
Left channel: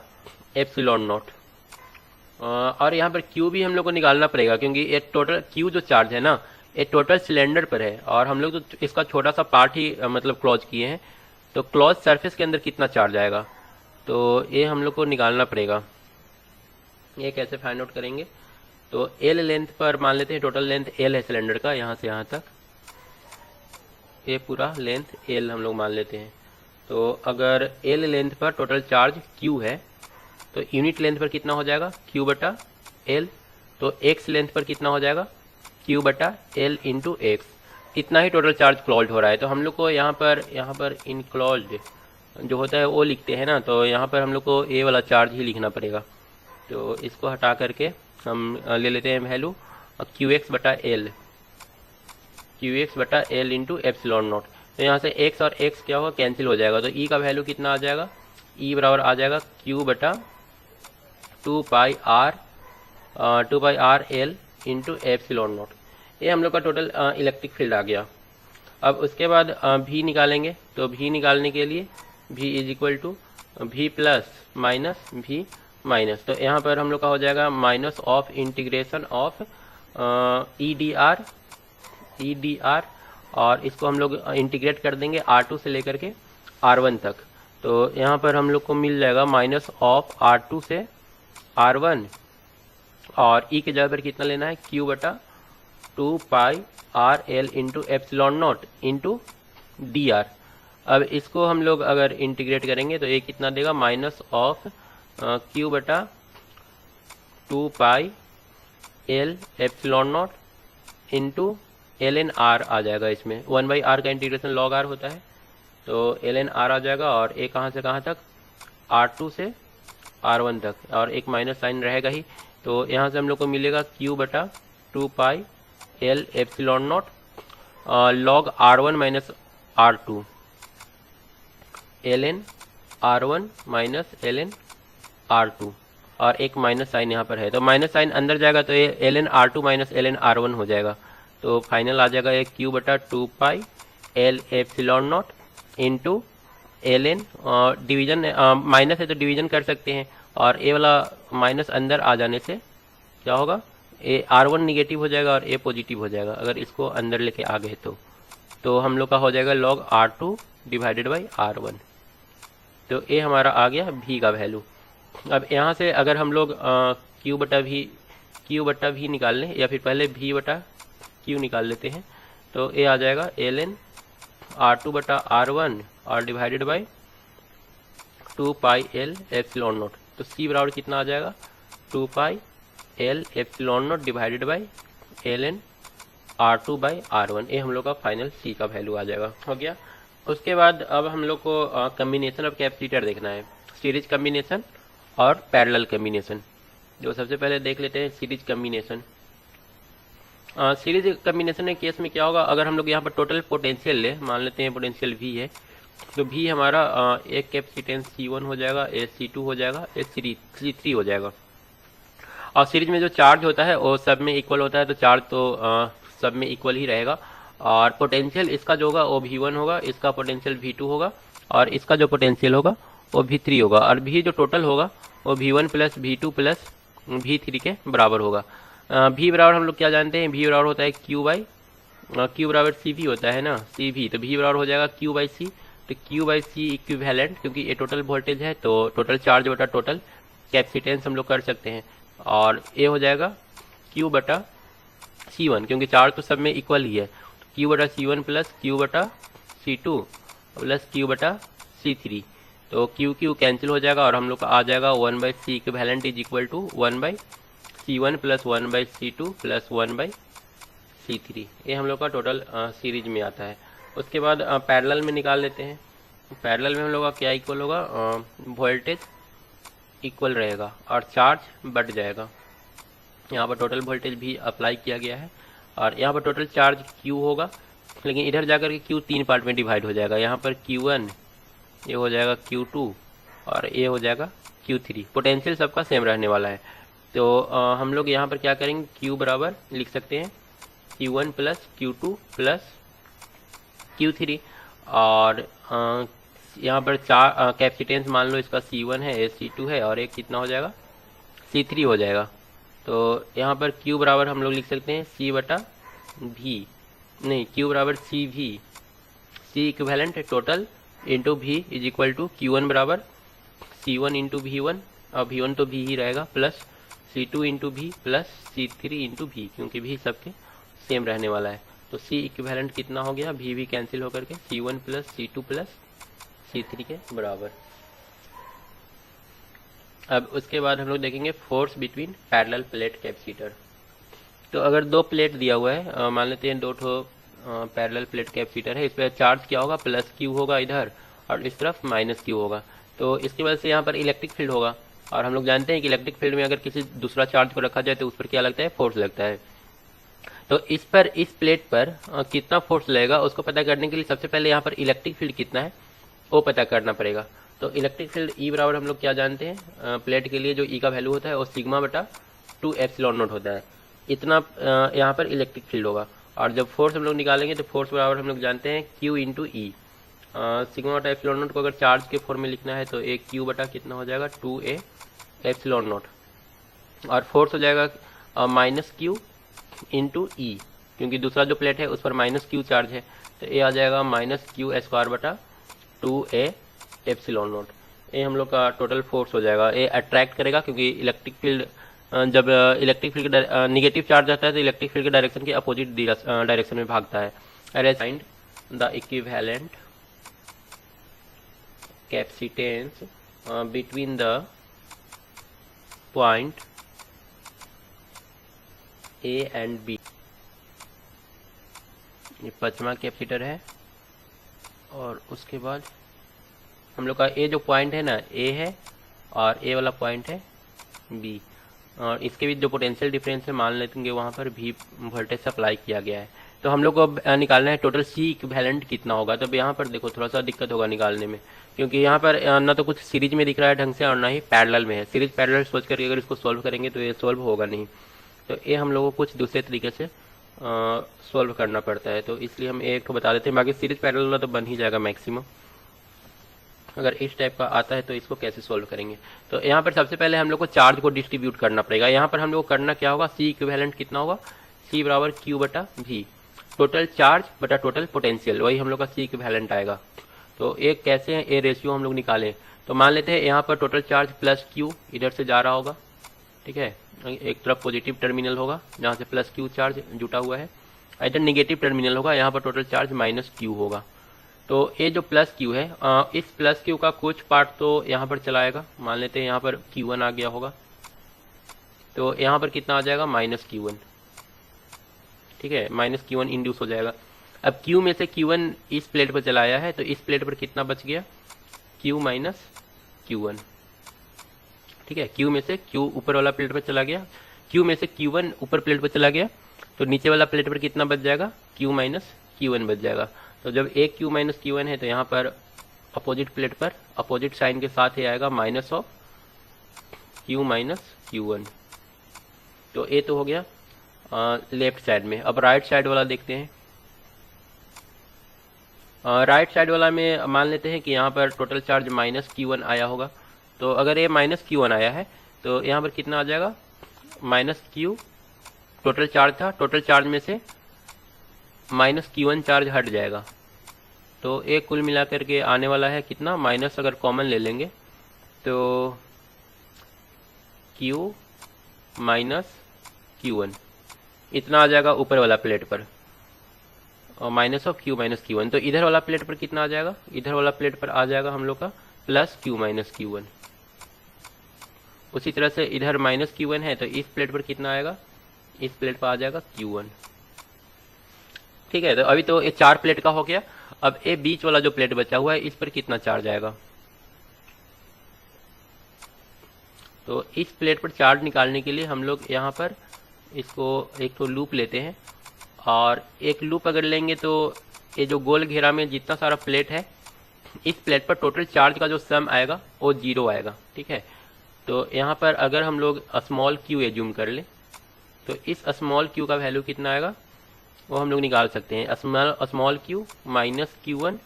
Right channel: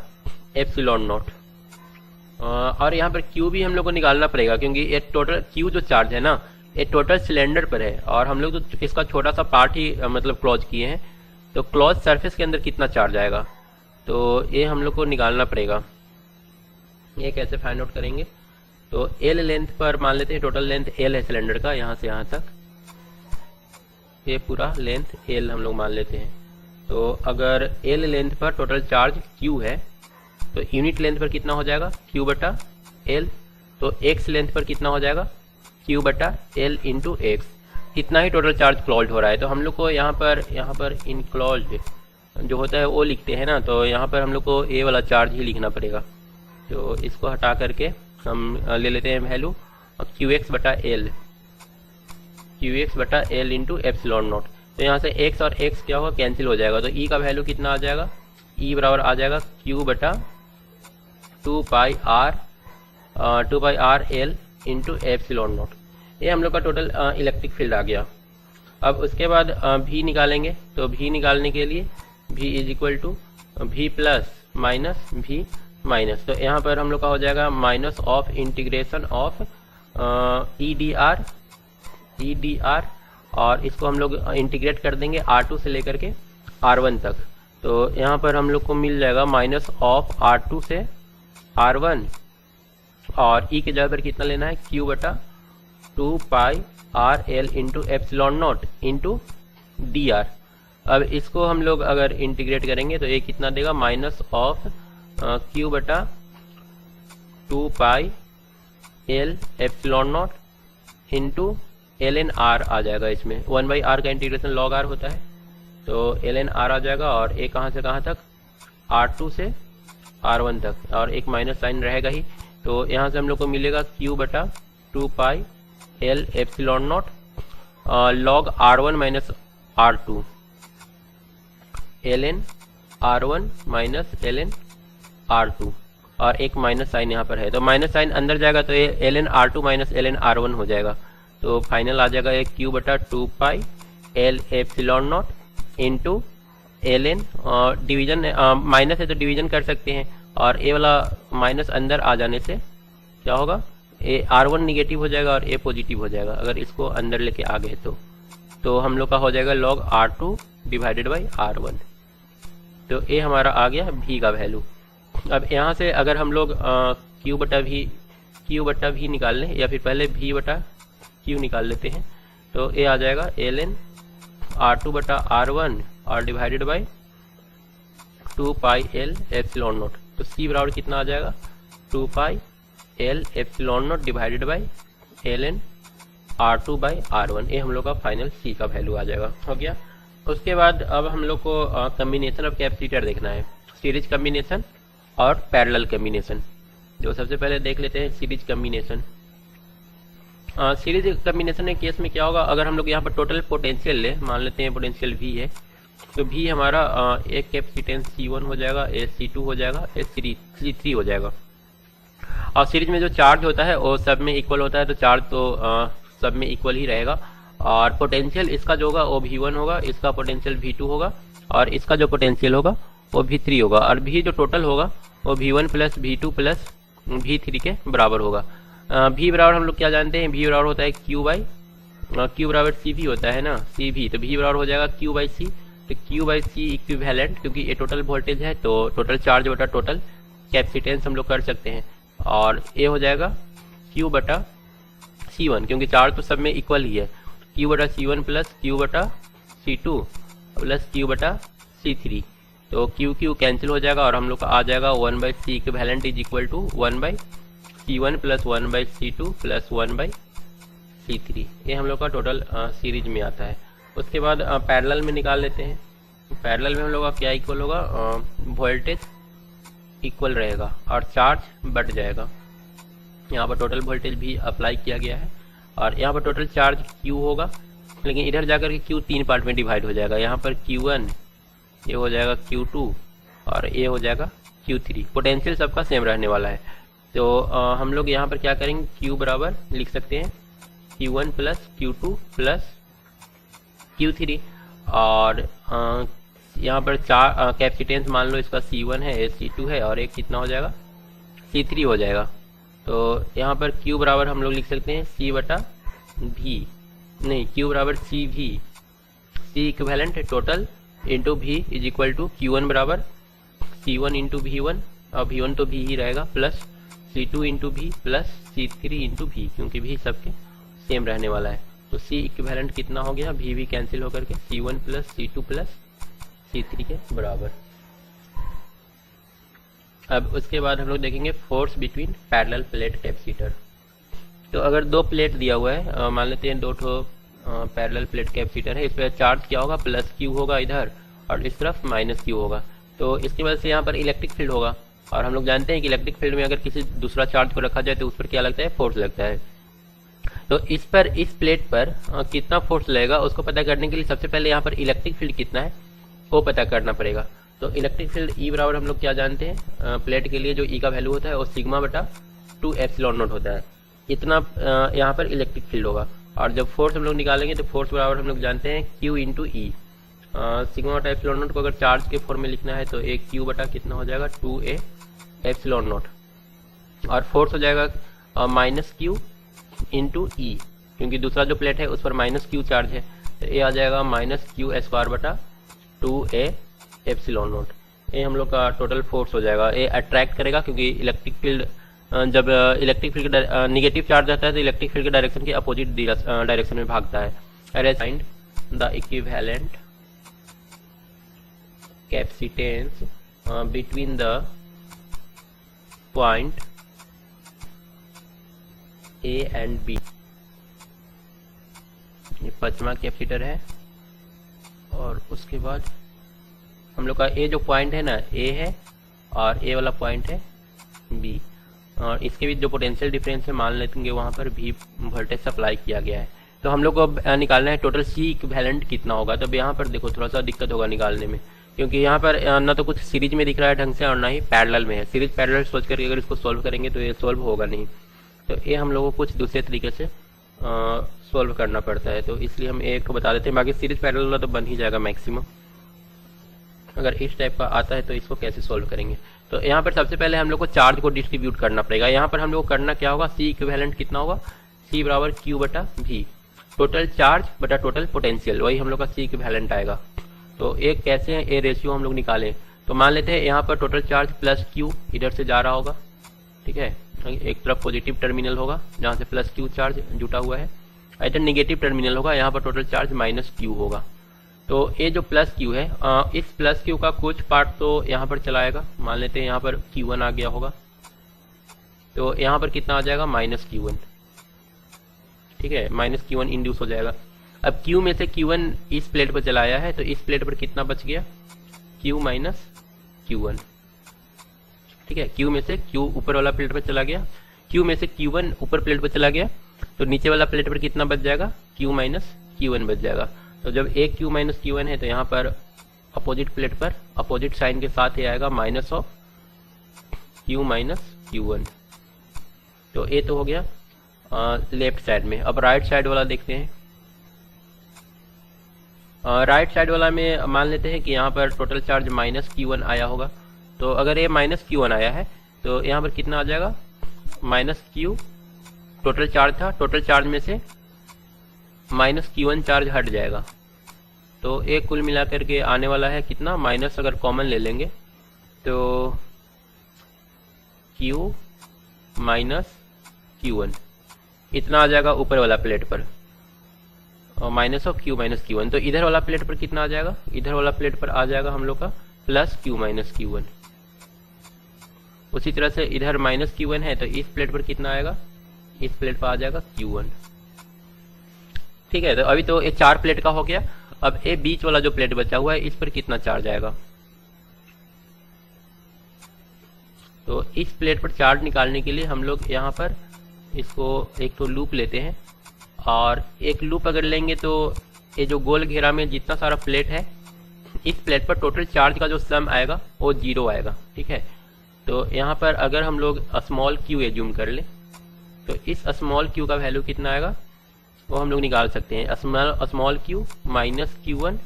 एप्सिलॉन नॉट। और यहाँ पर Q भी हम लोग को निकालना पड़ेगा, क्योंकि ये टोटल Q जो चार्ज है ना, ये टोटल सिलेंडर पर है, और हम लोग तो इसका छोटा सा पार्ट ही मतलब क्लोज किए हैं, तो क्लोज सरफेस के अंदर कितना चार्ज आएगा, तो ये हम लोग को निकालना पड़ेगा। ये कैसे फाइंड आउट करेंगे, तो L लेंथ पर मान लेते हैं, टोटल लेंथ L है सिलेंडर का, यहाँ से यहाँ तक ये पूरा लेंथ L हम लोग मान लेते हैं। तो अगर L लेंथ पर टोटल चार्ज Q है, तो यूनिट लेंथ पर कितना हो जाएगा, Q बटा L, तो X लेंथ पर कितना हो जाएगा, Q बटा L इंटू X, इतना ही टोटल चार्ज क्लोज हो रहा है। तो हम लोग को यहाँ पर इनक्लोज जो होता है वो लिखते हैं ना, तो यहाँ पर हम लोग को ये वाला चार्ज ही लिखना पड़ेगा। तो इसको हटा करके हम ले लेते हैं वैल्यू QX बटा L, QX बटा L इंटू एप्सिलॉन नॉट। तो यहाँ से X और X क्या होगा, कैंसिल हो जाएगा, तो E का वैल्यू कितना आ जाएगा, E बराबर आ जाएगा Q बटा 2 पाई R L into epsilon not. ये हम लोग का टोटल इलेक्ट्रिक फील्ड आ गया। अब उसके बाद V निकालेंगे, तो V निकालने के लिए V is equal to V plus minus V minus, तो यहाँ पर हम लोग का हो जाएगा minus of integration of EdR, और इसको हम लोग इंटीग्रेट कर देंगे R2 से लेकर के R1 तक। तो यहाँ पर हम लोग को मिल जाएगा माइनस ऑफ R2 से R1, और E की जगह पर कितना लेना है, Q बटा 2 पाई RL into epsilon naught into DR। अब इसको हम लोग अगर इंटीग्रेट करेंगे तो ये कितना देगा, माइनस ऑफ Q बटा 2 पाई L epsilon naught into ln R आ जाएगा, इसमें 1 बाई R का इंटीग्रेशन log R होता है, तो ln R आ जाएगा, और एक कहाँ से कहाँ तक, R2 से R1 तक, और एक माइनस साइन रहेगा ही। तो यहाँ से हम लोग को मिलेगा Q बटा 2 पाई L epsilon not log R1 minus R2, ln R1 minus ln R2, और एक माइनस साइन यहाँ पर है, तो माइनस साइन अंदर जाएगा तो ये ln R2 minus ln R1 हो जाएगा। तो फाइनल आ जाएगा ये Q बटा 2 पाई L epsilon naught into ln, और डिवीजन माइनस है तो डिवीजन कर सकते हैं, और ये वाला माइनस अंदर आ जाने से क्या होगा, ये R1 निगेटिव हो जाएगा और A पॉजिटिव हो जाएगा, अगर इसको अंदर लेके आ गए तो हम लोग का हो जाएगा log R2 divided by R1। तो ये हमारा आ गया V का वैल्यू। अब यहाँ से अगर हम लोग क्यू बटा वी निकाल लें, या फिर पहले वी बटा क्यू निकाल लेते हैं। तो ये आ जाएगा ln R2 बटा R1 और divided by 2 pi L epsilon note. तो C बराबर कितना आ जाएगा 2 पाई L epsilon note divided by ln R2 by R1। ये हम लोग का फाइनल C का वैल्यू आ जाएगा। हो गया। उसके बाद अब हम लोग को कम्बिनेशन ऑफ कैपेसिटर देखना है, सीरीज कम्बिनेशन और पैरेलल कम्बिनेशन। जो सबसे पहले देख लेते हैं सीरीज कम्बिनेशन। सीरीज कम्बिनेशन के केस में क्या होगा, अगर हम लोग यहाँ पर टोटल पोटेंशियल ले, मान लेते हैं पोटेंशियल V है, तो V हमारा एक कैपेसिटेंस C1 हो जाएगा, एक C2 हो जाएगा, एक C3 हो जाएगा। और सीरीज में जो चार्ज होता है वो सब में इक्वल होता है, तो चार्ज तो सब में इक्वल ही रहेगा। और पोटेंशियल इसका जो होगा वो V1 होगा, इसका पोटेंशियल V2 होगा, और इसका जो पोटेंशियल होगा वो V3 होगा। और V जो टोटल होगा वो V1 plus V2 plus V3 के बराबर होगा। V बराबर हम लोग क्या जानते हैं, V बराबर होता है Q बराबर CV होता है ना, CV। तो V बराबर हो जाएगा Q बाई C। तो Q बाई C इक्विवेलेंट, क्योंकि ये टोटल वोल्टेज है तो टोटल चार्ज बटा टोटल कैपेसिटेंस हम लोग कर सकते हैं। और ये हो जाएगा Q बटा C1, क्योंकि चार्ज तो सब में इक्वल ही है। Q बटा C1 प्लस Q बटा C2 प्लस Q बटा C3। तो Q कैंसिल हो जाएगा और हम लोग का आ जाएगा 1 by C equivalent is equal to 1 by C1 plus 1 by C2 plus 1 by C3। ये हम लोग का टोटल सीरीज में आता है। उसके बाद पैरेलल में निकाल लेते हैं। पैरेलल में हम लोग का क्या इक्वल होगा, वोल्टेज इक्वल रहेगा और चार्ज बढ़ जाएगा। यहाँ पर टोटल वोल्टेज भी अप्लाई किया गया है और यहाँ पर टोटल चार्ज Q होगा, लेकिन इधर जाकर के Q 3 पार्ट में डिवाइड हो जाएगा। यहाँ पर Q1, ये हो जाएगा Q2 और ये हो जाएगा Q3। पोटेंशियल सबका सेम रहने वाला है। तो हम लोग यहाँ पर क्या करेंगे, Q बराबर लिख सकते हैं Q1 plus Q2 plus Q3। और यहाँ पर चार कैपेसिटेंस मान लो इसका C1 है, C2 है और एक कितना हो जाएगा C3 हो जाएगा। तो यहाँ पर Q बराबर हम लोग लिख सकते हैं C बटा V, नहीं Q बराबर CV, C इक्विवेलेंट है total into V is equal to Q1 बराबर C1 इंटू V1, और V1 तो V ही रहेगा, plus C2 into V plus C3 into V, क्योंकि V सबके सेम रहने वाला है। तो C इक्विवेलेंट कितना हो गया, V कैंसिल होकर के C1 plus C2 plus C3 के बराबर। अब उसके बाद हम लोग देखेंगे force between parallel plate capacitor. तो अगर दो प्लेट दिया हुआ है, मान लेते हैं दो ठो पैरेलल प्लेट कैपेसिटर है, इस पर चार्ज क्या होगा, प्लस Q होगा इधर और इस तरफ माइनस Q होगा। तो इसकी वजह से यहाँ पर इलेक्ट्रिक फील्ड होगा, और हम लोग जानते हैं कि इलेक्ट्रिक फील्ड में अगर किसी दूसरा चार्ज को रखा जाए तो उस पर क्या लगता है, फोर्स लगता है। तो इस प्लेट पर कितना फोर्स लगेगा उसको पता करने के लिए सबसे पहले यहाँ पर इलेक्ट्रिक फील्ड कितना है वो पता करना पड़ेगा। तो इलेक्ट्रिक फील्ड E बराबर हम लोग क्या जानते हैं, प्लेट के लिए जो E का वैल्यू होता है वो सिग्मा बटा 2 एप्सिलॉन नोट होता है। इतना यहाँ पर इलेक्ट्रिक फील्ड होगा। और जब फोर्स हम लोग निकालेंगे तो फोर्स बराबर हम लोग जानते हैं Q इंटू ई। सिग्मा बटा एप्सिलॉन नोट को अगर चार्ज के फॉर्म में लिखना है तो एक Q बटा कितना हो जाएगा 2A एप्सिलॉन नोट, और फोर्स हो जाएगा माइनस Q इंटू ई, क्योंकि दूसरा जो प्लेट है उस पर माइनस Q चार्ज है। तो ये आ जाएगा माइनस Q स्क्वायर बटा 2A एप्सिलॉन नोट। ये हम लोग का टोटल फोर्स हो जाएगा। ये अट्रैक्ट करेगा, क्योंकि इलेक्ट्रिक फील्ड जब इलेक्ट्रिक फील्ड नेगेटिव चार्ज आता है तो इलेक्ट्रिक फील्ड के डायरेक्शन के अपोजिट डायरेक्शन में भागता है। अरे sign the equivalent capacitance between the point A and B। ये पांचवा कैपेसिटर है, और उसके बाद हम लोग का ये जो पॉइंट है ना A है और ये वाला पॉइंट है B, और इसके बीच जो पोटेंशियल डिफरेंस है मान लेंगे वहां पर V वोल्टेज सप्लाई किया गया है। तो हम लोग को निकालना है टोटल C इक्विवेलेंट कितना होगा। तो यहाँ पर देखो थोड़ा सा दिक्कत होगा निकालने में, क्योंकि यहाँ पर ना तो कुछ सीरीज में दिख रहा है ढंग से और ना ही पैरेलल में है। सीरीज पैरेलल सोच करके अगर इसको सोल्व करेंगे तो ये सोल्व होगा नहीं। तो ये हम लोगों को कुछ दूसरे तरीके से सोल्व करना पड़ता है, तो इसलिए हम एक को बता देते हैं। बाकी सीरीज पैरेलल में तो बन ही जाएगा मैक्सिमम। अगर इस टाइप का आता है तो इसको कैसे सोल्व करेंगे। तो यहाँ पर सबसे पहले हम लोग को चार्ज को डिस्ट्रीब्यूट करना पड़ेगा। यहाँ पर हम लोग को करना क्या होगा, C इक्विवेलेंट कितना होगा, C बराबर Q बटा V, टोटल चार्ज बटा टोटल पोटेंशियल, वही हम लोग का C इक्विवेलेंट आएगा। तो एक कैसे है ये रेशियो हम लोग निकालें। तो मान लेते हैं यहाँ पर टोटल चार्ज प्लस Q इधर से जा रहा होगा, ठीक है, एक तरफ पॉजिटिव टर्मिनल होगा जहाँ से प्लस क्यू चार्ज जुटा हुआ है, इधर निगेटिव टर्मिनल होगा, यहाँ पर टोटल चार्ज माइनस क्यू होगा। तो ये जो प्लस क्यू है, इस प्लस क्यू का कुछ पार्ट तो यहाँ पर चलाएगा, मान लेते हैं यहाँ पर Q1 आ गया होगा, तो यहाँ पर कितना आ जाएगा माइनस Q1, ठीक है, माइनस Q1 इंड्यूस हो जाएगा। अब Q में से Q1 इस प्लेट पर चलाया है, तो इस प्लेट पर कितना बच गया, Q माइनस Q1, ठीक है। Q में से Q ऊपर वाला प्लेट पर चला गया, Q में से Q1 ऊपर प्लेट पर चला गया, तो नीचे वाला प्लेट पर कितना बच जाएगा, Q माइनस Q1 बच जाएगा। तो जब एक Q माइनस Q1 है तो यहाँ पर अपोजिट प्लेट पर अपोजिट साइन के साथ ही आएगा minus of Q minus Q1। तो ये तो हो गया लेफ्ट साइड में। अब राइट साइड वाला देखते हैं। राइट साइड वाला में मान लेते हैं कि यहाँ पर टोटल चार्ज माइनस Q1 आया होगा। तो अगर ये माइनस Q1 आया है तो यहाँ पर कितना आ जाएगा, माइनस Q टोटल चार्ज था, टोटल चार्ज में से माइनस Q1 चार्ज हट जाएगा। तो एक कुल मिलाकर के आने वाला है कितना, माइनस अगर कॉमन ले लेंगे तो Q माइनस Q1 इतना आ जाएगा ऊपर वाला प्लेट पर, और minus of Q minus Q1। तो इधर वाला प्लेट पर कितना आ जाएगा, इधर वाला प्लेट पर आ जाएगा हम लोग का प्लस Q माइनस Q1। उसी तरह से इधर माइनस Q1 है तो इस प्लेट पर कितना आएगा, इस प्लेट पर आ जाएगा Q1, ठीक है। तो अभी तो ये 4 प्लेट का हो गया। अब ये बीच वाला जो प्लेट बचा हुआ है इस पर कितना चार्ज आएगा, तो इस प्लेट पर चार्ज निकालने के लिए हम लोग यहाँ पर इसको एक तो लूप लेते हैं, और एक लूप अगर लेंगे तो ये जो गोल घेरा में जितना सारा प्लेट है इस प्लेट पर टोटल चार्ज का जो सम आएगा वो 0 आएगा, ठीक है। तो यहाँ पर अगर हम लोग स्मॉल q एज्यूम कर ले तो इस स्मॉल q का वैल्यू कितना आएगा वो हम लोग निकाल सकते हैं, स्मॉल q माइनस Q1,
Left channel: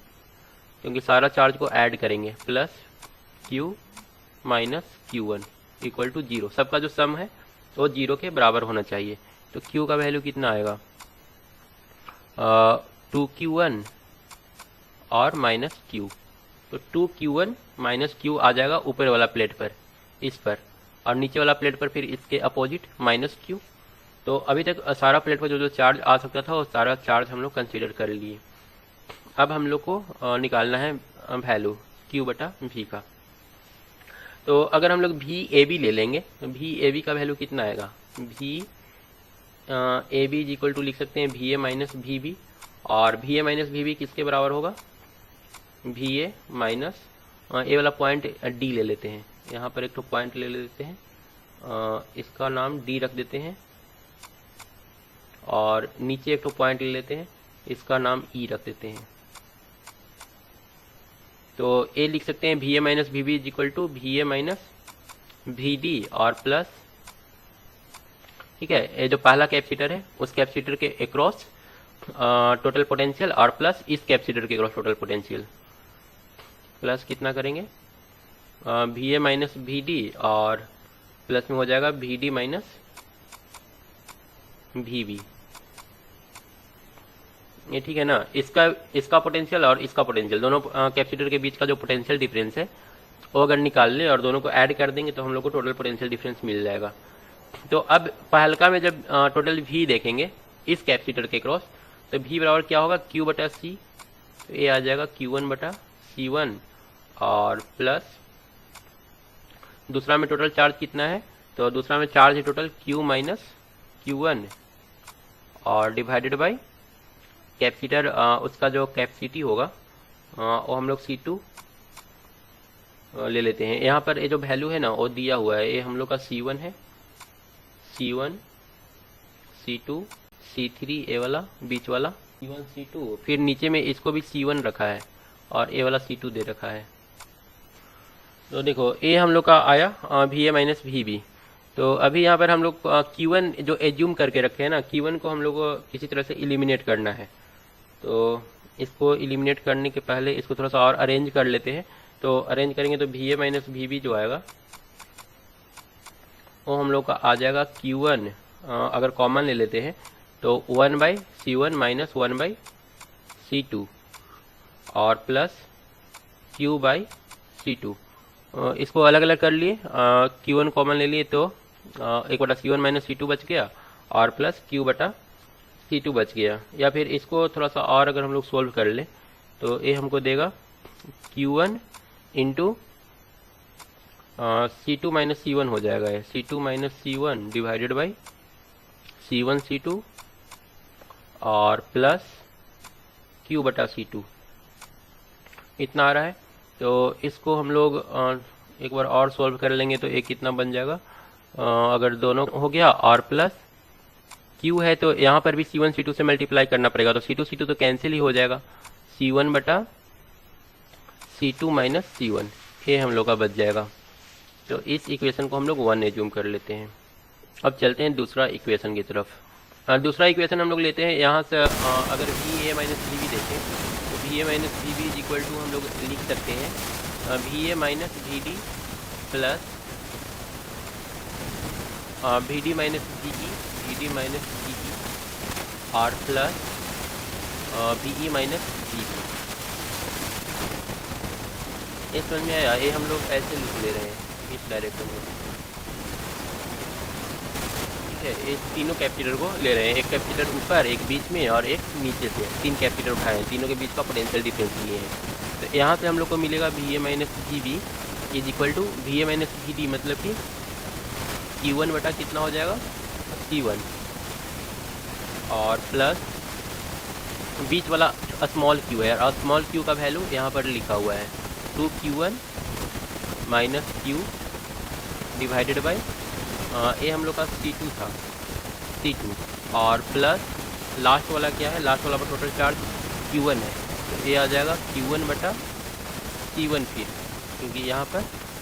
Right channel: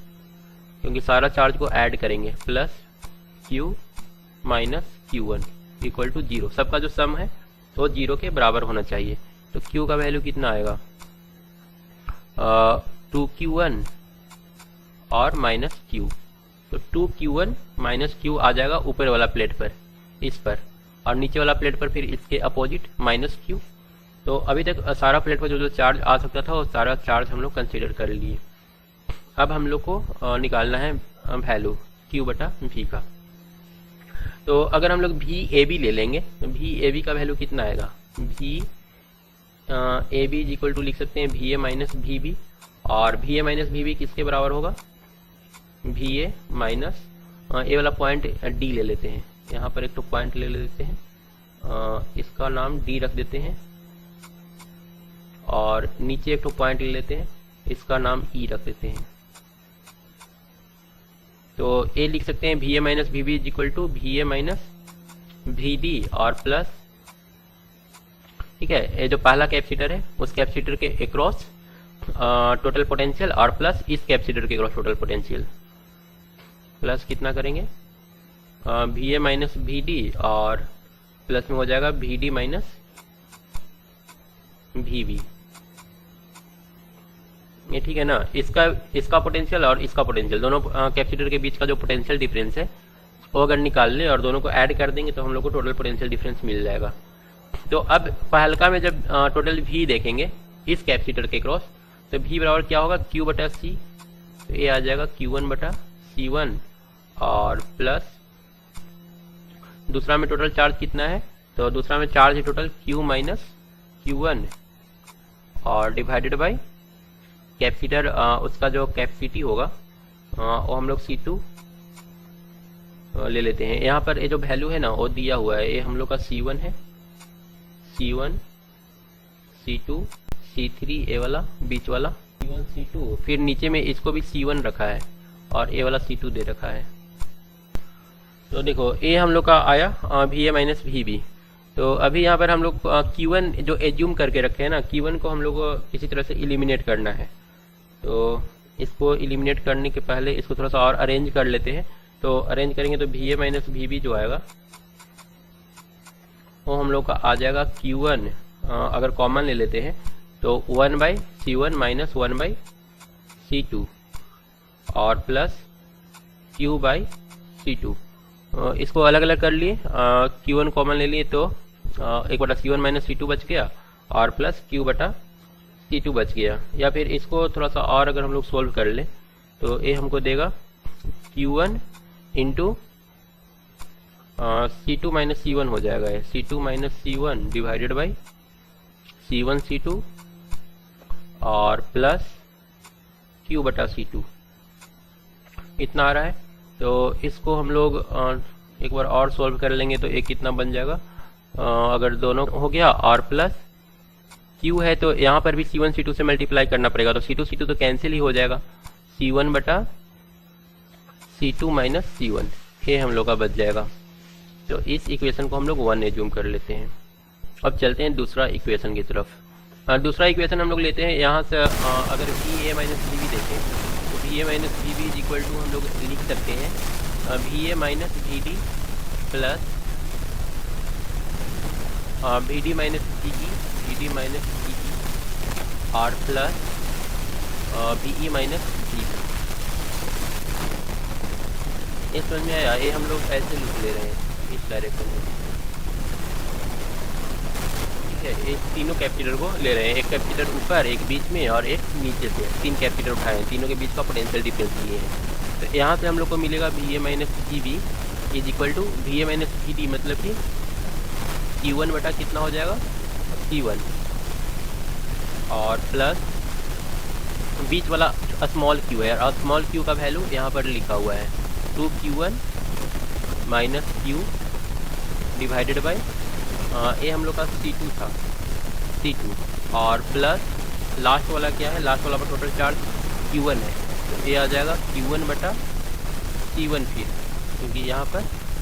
क्योंकि सारा चार्ज को ऐड करेंगे, plus q minus Q1 equal to 0। सबका जो सम है वो 0 के बराबर होना चाहिए। तो q का वैल्यू कितना आएगा, 2Q1 और माइनस q, तो 2Q1 माइनस q आ जाएगा ऊपर वाला प्लेट पर, इस पर, और नीचे वाला प्लेट पर फिर इसके अपोजिट माइनस q। तो अभी तक सारा प्लेट पर जो चार्ज आ सकता था वो सारा चार्ज हम लोग कंसीडर कर लिए। अब हम लोग को निकालना है वैल्यू q बटा v का। तो अगर हम लोग भी ए बी ले लेंगे तो भी ए बी का वैल्यू कितना आएगा, भी ए बी इक्वल टू लिख सकते हैं भी ए माइनस भी बी, और भी ए माइनस भी बी किसके बराबर होगा, भी ए माइनस ए वाला पॉइंट डी ले लेते हैं, यहाँ पर एक तो पॉइंट ले लेते हैं, इसका नाम डी रख देते हैं, और नीचे एक तो पॉइंट ले लेते हैं, इसका नाम ई रख देते हैं। तो ए लिख सकते हैं भी ए माइनस भी बी इक्वल टू भी ए माइनस भी डी और प्लस, ठीक है, ये जो पहला कैपेसिटर है उस कैपेसिटर के अक्रॉस टोटल पोटेंशियल, और प्लस इस कैपेसिटर के अक्रॉस टोटल पोटेंशियल, प्लस कितना करेंगे भी ए माइनस भी डी, और प्लस में हो जाएगा भी डी माइनस भी बी, ये ठीक है ना। इसका पोटेंशियल और इसका पोटेंशियल, दोनों कैपेसिटर के बीच का जो पोटेंशियल डिफरेंस है वो अगर निकाल ले और दोनों को ऐड कर देंगे तो हम लोग को टोटल पोटेंशियल डिफरेंस मिल जाएगा। तो अब पहलका में जब टोटल V देखेंगे इस कैपेसिटर के क्रॉस, तो V बराबर क्या होगा, Q बटा C, तो ये आ जाएगा Q1 बटा C1, और प्लस दूसरा में टोटल चार्ज कितना है, तो दूसरा में चार्ज है टोटल Q माइनस Q1, और डिवाइडेड बाई कैपेसिटर, उसका जो कैपेसिटी होगा वो हम लोग C2 ले लेते हैं। यहाँ पर ये जो वैल्यू है ना वो दिया हुआ है, ये हम लोग का C1 है, C1 C2 C3, ये वाला बीच वाला C1 C2, फिर नीचे में इसको भी C1 रखा है और ये वाला C2 दे रखा है। तो देखो ये हम लोग का आया भी ए माइनस भी बी। तो अभी यहाँ पर हम लोग Q1 जो एज्यूम करके रखे हैं ना, Q1 को हम लोग को किसी तरह से इलिमिनेट करना है। तो इसको इलिमिनेट करने के पहले इसको थोड़ा सा और अरेंज कर लेते हैं। तो अरेंज करेंगे तो भी ए माइनस भी बी जो आएगा वो हम लोग का आ जाएगा Q1, अगर कॉमन ले लेते हैं तो 1 by C1 minus 1 by C2, और प्लस Q बाई C2। इसको अलग अलग कर लिए, Q1 कॉमन ले लिए तो 1 बटा C1 माइनस C2 बच गया और प्लस Q बटा C2 बच गया। या फिर इसको थोड़ा सा और अगर हम लोग सोल्व कर लें तो ये हमको देगा Q1 into C2 minus C1 हो जाएगा, C2 minus C1 divided by C1 C2 और प्लस Q बटा C2 इतना आ रहा है। तो इसको हम लोग एक बार और सॉल्व कर लेंगे तो एक कितना बन जाएगा, अगर दोनों हो गया और प्लस Q है तो यहाँ पर भी C1 C2 से मल्टीप्लाई करना पड़ेगा, तो C2 C2 तो कैंसिल ही हो जाएगा, C1 बटा C2 माइनस C1 ये हम लोग का बच जाएगा। तो इस इक्वेशन को हम लोग 1 एज्यूम कर लेते हैं। अब चलते हैं दूसरा इक्वेशन की तरफ। दूसरा इक्वेशन हम लोग लेते हैं यहाँ से, अगर VA माइनस VB देखें तो VA minus VB is equal to हम लोग लिख सकते हैं VA minus VD plus VD minus VE, VD minus VE और प्लस VE माइनस VB। ये समझ में आया? ये हम लोग ऐसे लिख ले रहे हैं इस डायरेक्शन में, तीनों कैपेसिटर को ले रहे हैं, एक कैपेसिटर ऊपर, एक बीच में और एक नीचे से, 3 कैपेसिटर उठाए हैं, तीनों के बीच का पोटेंशियल डिफरेंस लिए है। तो यहाँ से हम लोग को मिलेगा VA minus VB is equal to VA minus VD, मतलब कि Q1 बटा कितना हो जाएगा C1 और प्लस बीच वाला स्मॉल q है, और स्मॉल q का वैल्यू यहाँ पर लिखा हुआ है 2Q1 minus Q divided by ये हम लोग का C2 था, C2 और प्लस लास्ट वाला क्या है, लास्ट वाला का टोटल चार्ज Q1 है, ये आ जाएगा Q1 बटा C1 फिर, क्योंकि यहाँ पर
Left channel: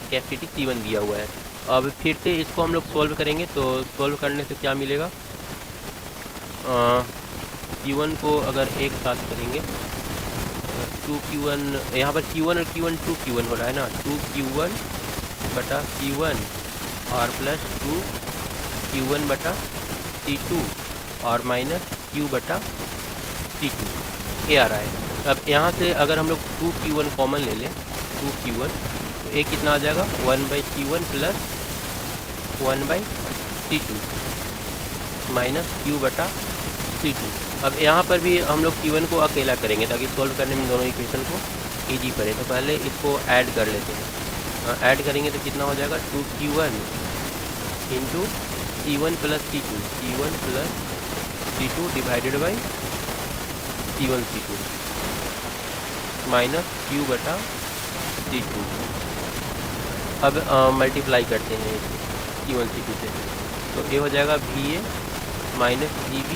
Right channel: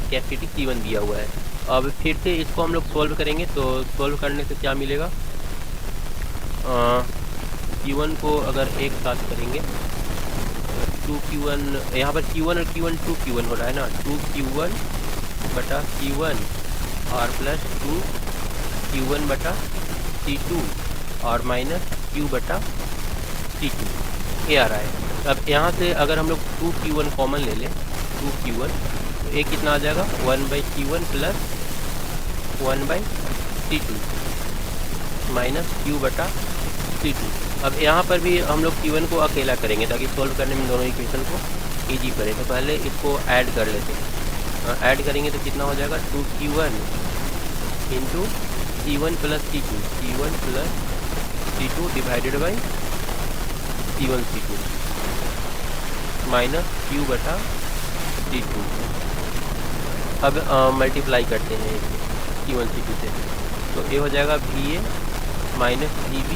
कैपेसिटी C1 दिया हुआ है। अब फिर से इसको हम लोग सोल्व करेंगे, तो सोल्व करने से क्या मिलेगा, Q1 को अगर एक साथ करेंगे 2Q1, यहाँ पर Q1 और Q1 2Q1 हो रहा है ना, तो Q1 बटा C1 और प्लस Q1 बटा C2 और माइनस Q बटा C2 ये आ रहा है। अब यहाँ से अगर हम लोग 2Q1 कॉमन ले लें, 2Q1 ये कितना आ जाएगा 1/C1 plus 1/C2 minus Q बटा C2। अब यहाँ पर भी हम लोग Q1 को अकेला करेंगे ताकि सोल्व करने में दोनों इक्वेशन को ईजी करें। तो पहले इसको ऐड कर लेते हैं, ऐड करेंगे तो कितना हो जाएगा 2Q1 into C1 plus C2, C1 plus C2 divided by C1 C2 minus Q बटा C2। अब मल्टीप्लाई करते हैं C1 C2 से, तो ये हो जाएगा VA minus VB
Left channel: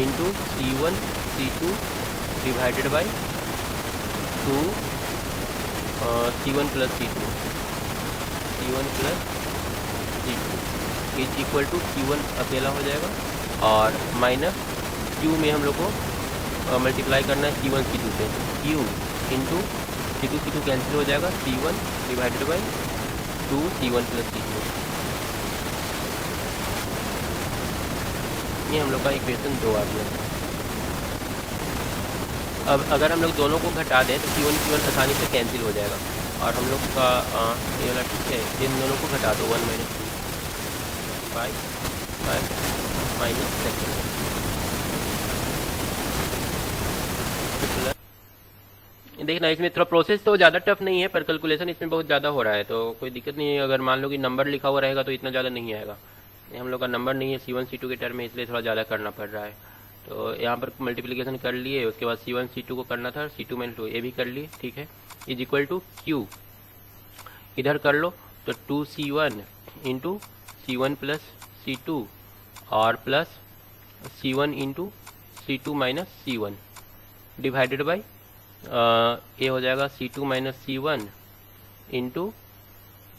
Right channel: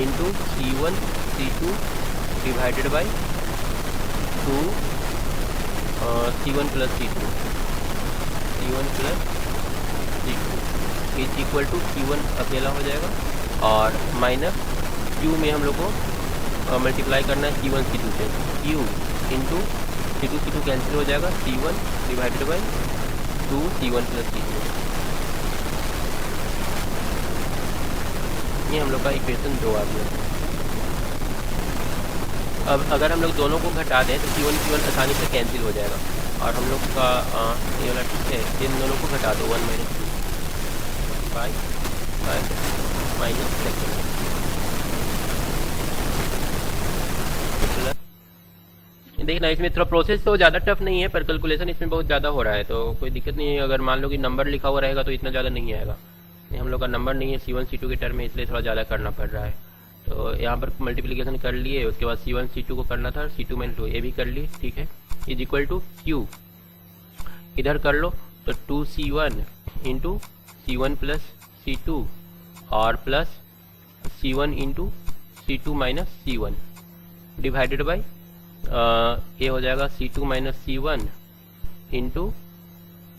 into C1 C2 divided by C1 plus C2, C1 plus C2 is equal to C1 अकेला हो जाएगा और माइनस Q में हम लोग को मल्टीप्लाई करना है C1 C2 से, Q into C2 C2 cancel हो जाएगा, C1 divided by 2 C1 plus C2। ये हम लोग का इक्वेशन 2 आ गया। अब अगर हम लोग दोनों को घटा दें तो Q1 Q1 आसानी से कैंसिल हो जाएगा और हम लोग का इन दोनों को घटा दो 1 माइनस देखना, इसमें थोड़ा प्रोसेस तो ज़्यादा टफ नहीं है पर कैलकुलेशन इसमें बहुत ज़्यादा हो रहा है, तो कोई दिक्कत नहीं है। अगर मान लो कि नंबर लिखा हुआ रहेगा तो इतना ज़्यादा नहीं आएगा, हम लोग का नंबर नहीं है C1 C2 के टर्म में, इसलिए थोड़ा ज़्यादा करना पड़ रहा है। तो यहाँ पर मल्टीप्लिकेशन कर लिए, उसके बाद C1 C2 को करना था, C2 में 2 ये भी कर लिए, ठीक है, इज इक्वल टू Q इधर कर लो तो 2C1 into C1 plus C2 और plus C1 into C2 minus C1 divided by ये हो जाएगा C2 minus C1 into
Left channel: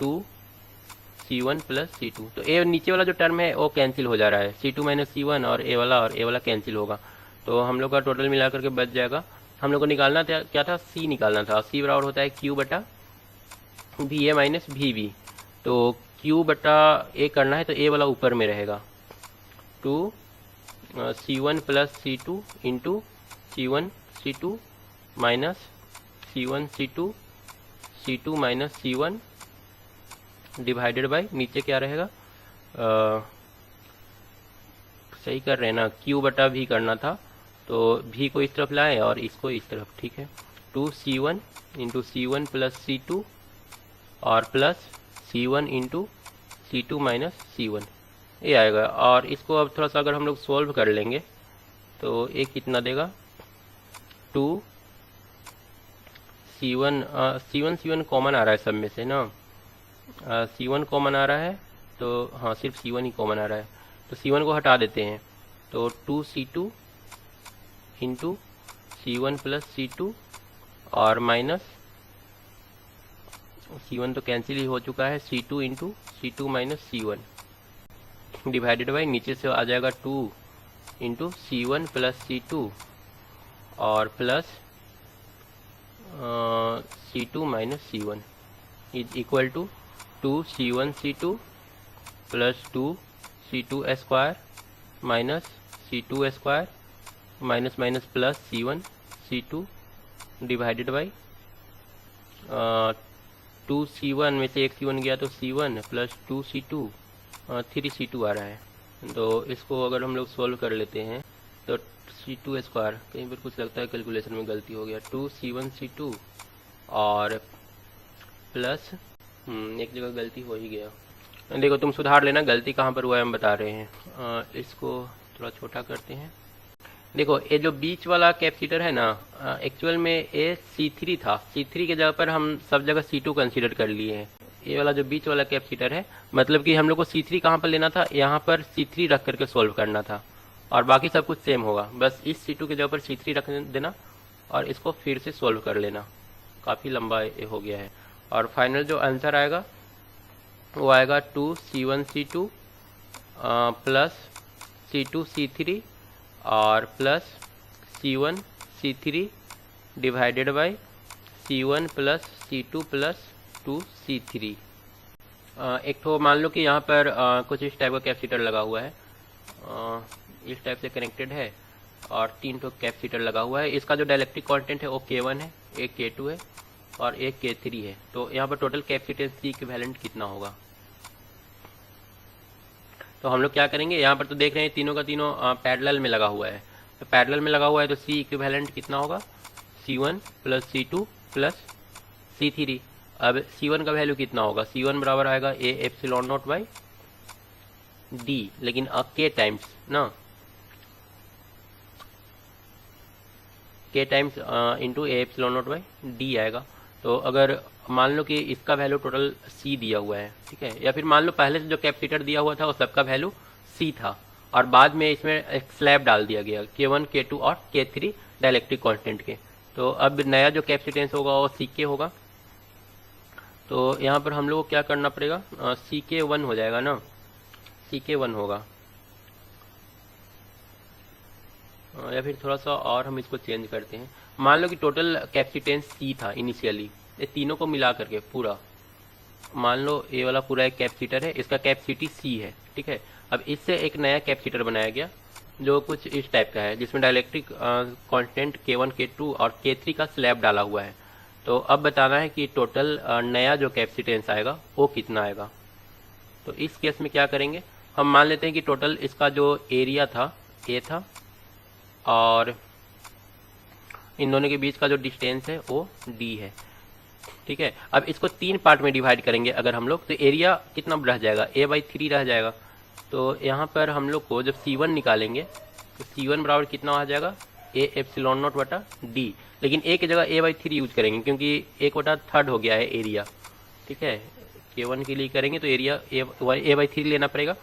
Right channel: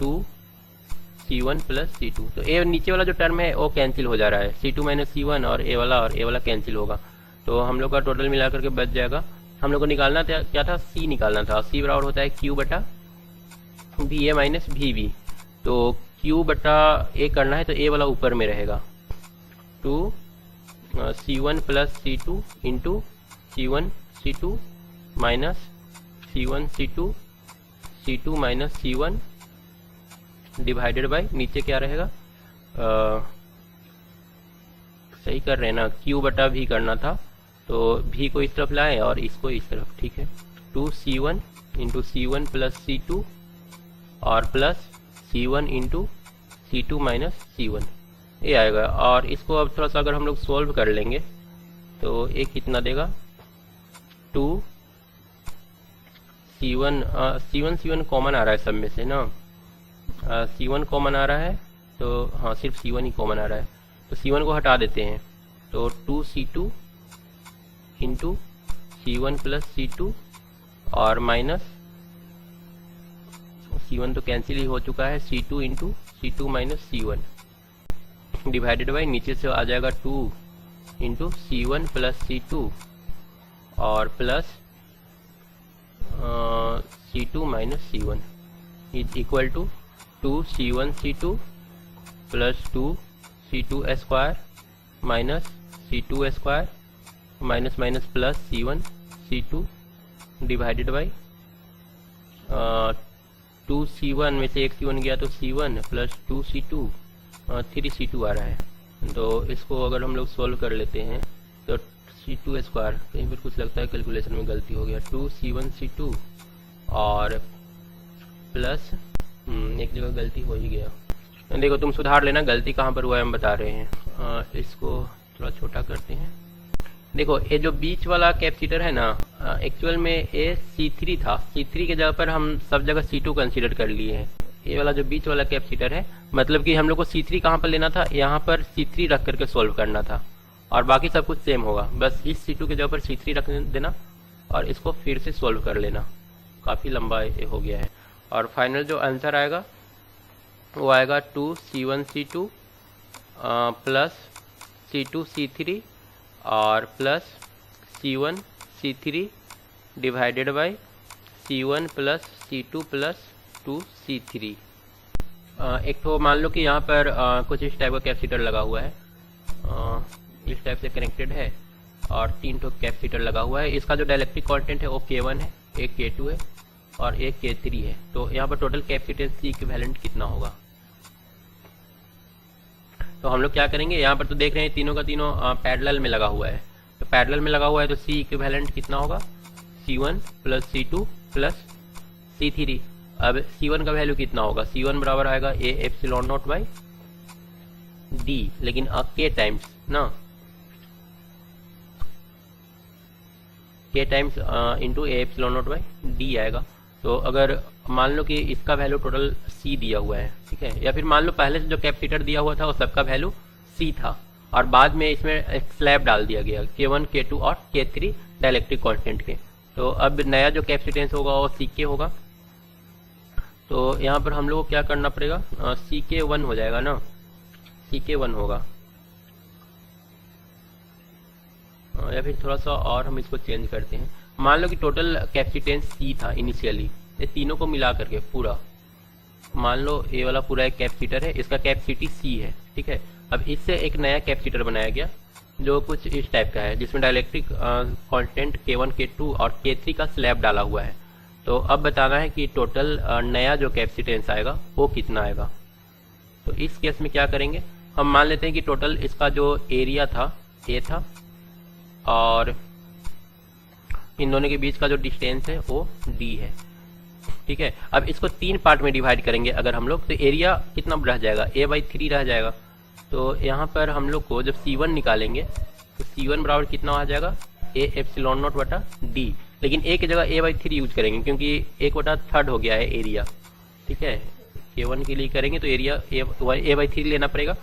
2C1 plus C2। तो ये नीचे वाला जो टर्म है वो कैंसिल हो जा रहा है, C2 माइनस C1 और ये वाला कैंसिल होगा, तो हम लोग का टोटल मिला करके बच जाएगा। हम लोग को निकालना था क्या था, C निकालना था, C बराबर होता है Q बटा VA माइनस VB, तो Q बटा A करना है तो A वाला ऊपर में रहेगा, तो C1 plus C2 into C1 C2 minus C1 C2 C2 minus C1 divided by नीचे क्या रहेगा, सही कर रहे हैं ना, Q बटा V करना था, तो V को इस तरफ लाए और इसको इस तरफ, ठीक है। 2C1 into C1 plus C2 और plus C1 into C2 minus C1, ये आएगा। और इसको अब थोड़ा सा अगर हम लोग सॉल्व कर लेंगे तो ये कितना देगा, 2C1 C1 कॉमन आ रहा है सब में से ना, C1 कॉमन आ रहा है, तो हाँ सिर्फ C1 ही कॉमन आ रहा है, तो C1 को हटा देते हैं, तो 2C2 into C1 plus C2 और माइनस C1 तो कैंसिल ही हो चुका है, C2 into C2 minus C1 divided by नीचे से आ जाएगा 2 इंटू C1 प्लस C2 और plus C2 minus C1 is equal to 2C1 C2 plus 2C2 square minus C2 square minus minus plus C1 C2 divided by 2C1 में से एक C1 गया तो C1 प्लस 2C2 3C2 आ रहा है। तो इसको अगर हम लोग सोल्व कर लेते हैं तो C2 स्क्वायर, यहीं पर कुछ लगता है कैलकुलेशन में गलती हो गया, 2C1 C2 और प्लस एक जगह गलती हो ही गया, देखो तुम सुधार लेना गलती कहाँ पर हुआ है हम बता रहे हैं। इसको थोड़ा छोटा करते हैं। देखो ये जो बीच वाला कैपेसिटर है ना, एक्चुअल में ये C3 था, C3 की जगह पर हम सब जगह C2 कंसीडर कर लिए हैं। ये वाला जो बीच वाला कैपेसिटर है, मतलब कि हम लोग को C3 कहाँ पर लेना था, यहाँ पर C3 रख करके सोल्व करना था और बाकी सब कुछ सेम होगा, बस इस C2 की जगह पर C3 रख देना और इसको फिर से सोल्व कर लेना। काफी लंबा हो गया है और फाइनल जो आंसर आएगा वो आएगा 2C1 C2 plus C2 C3 और plus C1 C3 divided by C1 plus C2 plus 2C3। एक तो मान लो कि यहाँ पर कुछ इस टाइप का कैपेसिटर लगा हुआ है, इस टाइप से कनेक्टेड है और 3 कैपेसिटर लगा हुआ है। इसका जो डाइलेक्ट्रिक कांस्टेंट है वो K1 है, एक K2 है और एक K3 है। तो यहाँ पर टोटल कैपेसिटेंस इक्विवेलेंट कितना होगा, तो हम लोग क्या करेंगे, यहाँ पर तो देख रहे हैं तीनों का तीनों पैरेलल में लगा हुआ है, तो पैरेलल में लगा हुआ है तो C इक्विवेलेंट कितना होगा, C1 plus C2 plus C3। अब C1 का वैल्यू कितना होगा, C1 बराबर आएगा A epsilon not by D, लेकिन K टाइम्स ना, K times into A epsilon not by D आएगा। तो अगर मान लो कि इसका वैल्यू टोटल C दिया हुआ है, ठीक है, या फिर मान लो पहले से जो कैपेसिटर दिया हुआ था वो सबका वैल्यू C था और बाद में इसमें एक स्लैब डाल दिया गया K1 K2 और K3 डाइलेक्ट्रिक कांस्टेंट के। तो अब नया जो कैपेसिटेंस होगा वो CK होगा, तो यहाँ पर हम लोग को क्या करना पड़ेगा, CK1 हो जाएगा ना, CK1 होगा, या फिर थोड़ा सा और हम इसको चेंज करते हैं। मान लो कि टोटल कैपेसिटेंस C था इनिशियली, ये तीनों को मिला करके पूरा, मान लो ये वाला पूरा एक कैपेसिटर है, इसका कैपेसिटी C है, ठीक है। अब इससे एक नया कैपेसिटर बनाया गया जो कुछ इस टाइप का है, जिसमें डाइलेक्ट्रिक कांस्टेंट K1 K2 और K3 का स्लैब डाला हुआ है। तो अब बताना है कि टोटल नया जो कैपेसिटेंस आएगा वो कितना आएगा। तो इस केस में क्या करेंगे, हम मान लेते हैं कि टोटल इसका जो एरिया था A था और इन दोनों के बीच का जो डिस्टेंस है वो D है, ठीक है। अब इसको 3 पार्ट में डिवाइड करेंगे अगर हम लोग, तो एरिया कितना रह जाएगा, A/3 रह जाएगा। तो यहाँ पर हम लोग को जब C1 निकालेंगे तो C1 बराबर कितना आ जाएगा, A एप्सिलॉन नॉट बटा D, लेकिन A की जगह A/3 यूज करेंगे क्योंकि 1/3 हो गया है एरिया, ठीक है। K1 के लिए करेंगे तो एरिया A/3 लेना पड़ेगा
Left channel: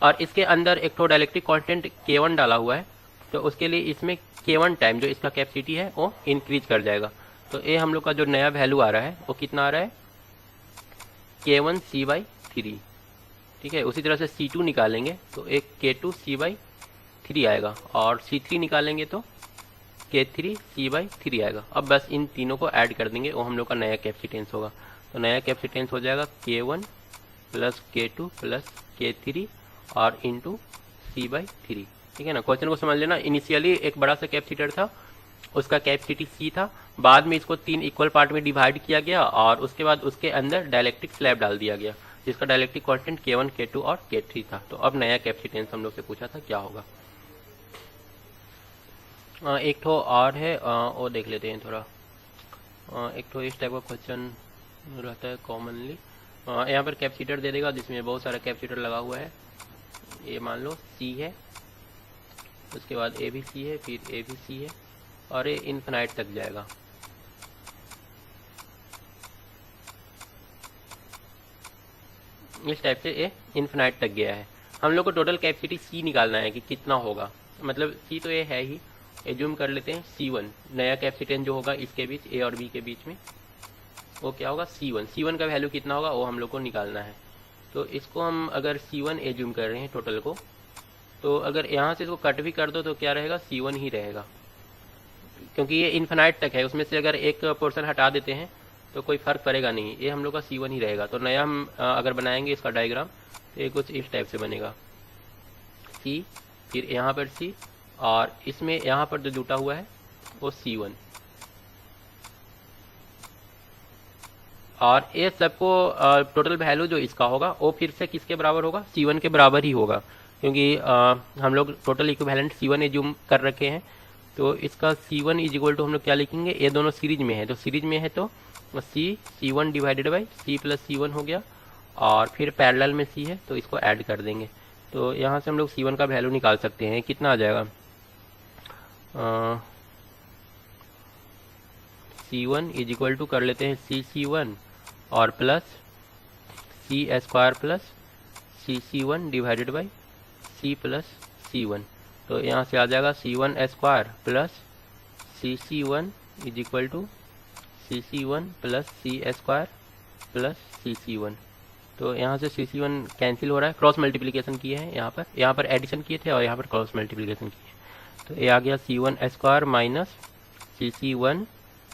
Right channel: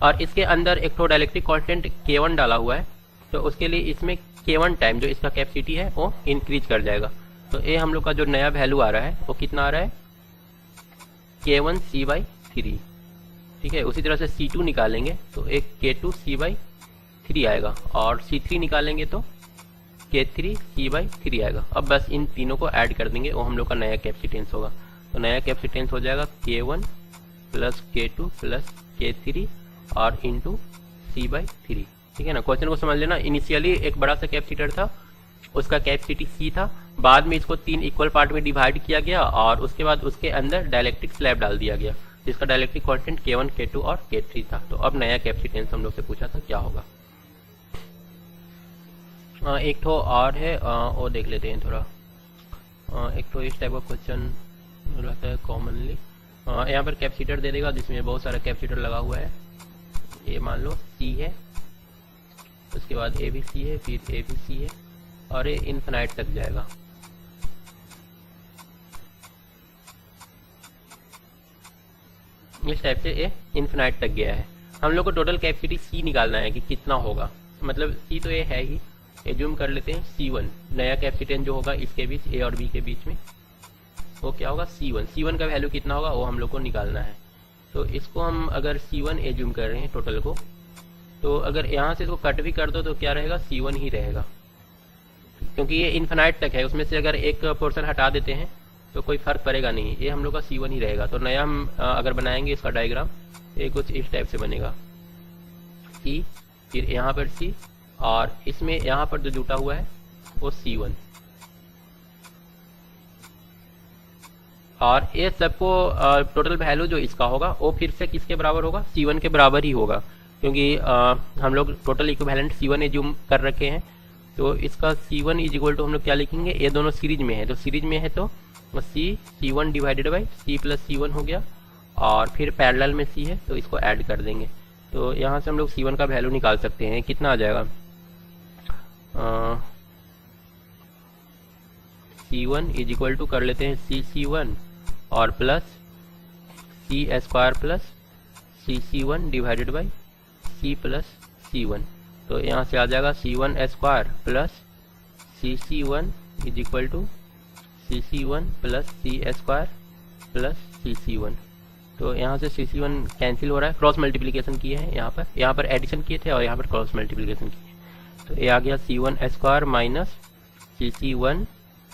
और इसके अंदर एक तो डाइलेक्ट्रिक कांस्टेंट K1 डाला हुआ है, तो उसके लिए इसमें K1 टाइम जो इसका कैपेसिटी है वो इंक्रीज कर जाएगा। तो ये हम लोग का जो नया वैल्यू आ रहा है वो कितना आ रहा है, K1 C/3, ठीक है। उसी तरह से C2 निकालेंगे तो एक K2 C/3 आएगा और C3 निकालेंगे तो K3 C/3 आएगा। अब बस इन तीनों को ऐड कर देंगे, वो हम लोग का नया कैपेसिटेंस होगा। तो नया कैपेसिटेंस हो जाएगा K1 plus K2 plus K3 और इंटू C/3, ठीक है ना। क्वेश्चन को समझ लेना, इनिशियली एक बड़ा सा कैपेसिटर था, उसका कैपेसिटी C था, बाद में इसको 3 इक्वल पार्ट में डिवाइड किया गया और उसके बाद उसके अंदर डाइलेक्ट्रिक स्लैब डाल दिया गया। जिसका डायलेक्ट्रिक कांस्टेंट K1, K2 और K3 था। तो अब नया कैपेसिटेंस हम लोग से पूछा था क्या होगा। एक तो और है वो देख लेते हैं थोड़ा। एक तो इस टाइप का क्वेश्चन रहता है कॉमनली। यहाँ पर कैपेसिटर दे देगा जिसमें बहुत सारा कैपेसिटर लगा हुआ है। ये मान लो C है, उसके बाद ABC है, फिर ABC है और ये इनफिनाइट तक जाएगा। इस टाइप से ये इनफिनाइट तक गया है। हम लोग को टोटल कैपेसिटी C निकालना है कि कितना होगा। मतलब C तो ये है ही, एज्यूम कर लेते हैं C1 नया कैपेसिटेंस जो होगा इसके बीच A और B के बीच में, वो क्या होगा C1 का वैल्यू कितना होगा वो हम लोग को निकालना है। तो इसको हम अगर C1 एज्यूम कर रहे हैं टोटल को, तो अगर यहाँ से इसको कट भी कर दो तो क्या रहेगा, C1 ही रहेगा, क्योंकि ये इनफिनाइट तक है। उसमें से अगर एक पोर्शन हटा देते हैं तो कोई फर्क पड़ेगा नहीं, ये हम लोग का C1 ही रहेगा। तो नया हम अगर बनाएंगे इसका डायग्राम तो ये कुछ इस टाइप से बनेगा, C फिर यहाँ पर C और इसमें यहाँ पर जो जुटा हुआ है वो C1, और ये सबको टोटल वैल्यू जो इसका होगा वो फिर से किसके बराबर होगा, C1 के बराबर ही होगा, क्योंकि हम लोग टोटल इक्विवेलेंट C1 एज्यूम कर रखे हैं। तो इसका C1 इज इक्वल टू हम लोग क्या लिखेंगे, ये दोनों सीरीज में है, तो सीरीज में है तो C1 divided by C plus C1 हो गया, और फिर पैरेलल में C है तो इसको ऐड कर देंगे। तो यहाँ से हम लोग C1 का वैल्यू निकाल सकते हैं, कितना आ जाएगा, C1 इज इक्वल टू कर लेते हैं C1 और plus C square plus C1 divided by C plus C1। तो यहाँ से आ जाएगा C1 square plus C1 is equal to C1 plus C square plus C1। तो यहाँ से C1 कैंसिल हो रहा है, क्रॉस मल्टीप्लीकेशन किए हैं, यहाँ पर एडिशन किए थे और यहाँ पर क्रॉस मल्टीप्लीकेशन किए। तो ये आ गया C1 square minus C1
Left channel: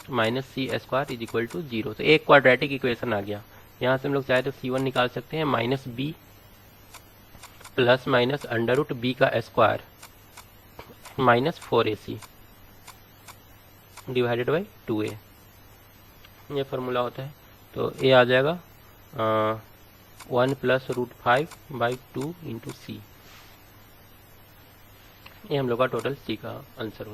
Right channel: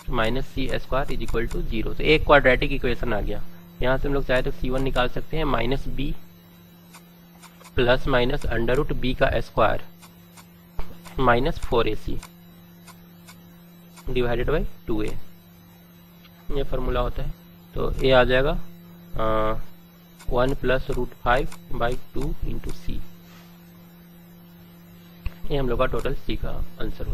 minus C square is equal to 0। तो एक क्वाड्रेटिक इक्वेशन आ गया। यहाँ से हम लोग चाहे तो C1 निकाल सकते हैं minus B plus minus under root B का square minus 4AC divided by 2A, ये फॉर्मूला होता है। तो ये आ जाएगा 1 plus root 5 by 2 into C। ये हम लोग का टोटल C का आंसर होगा।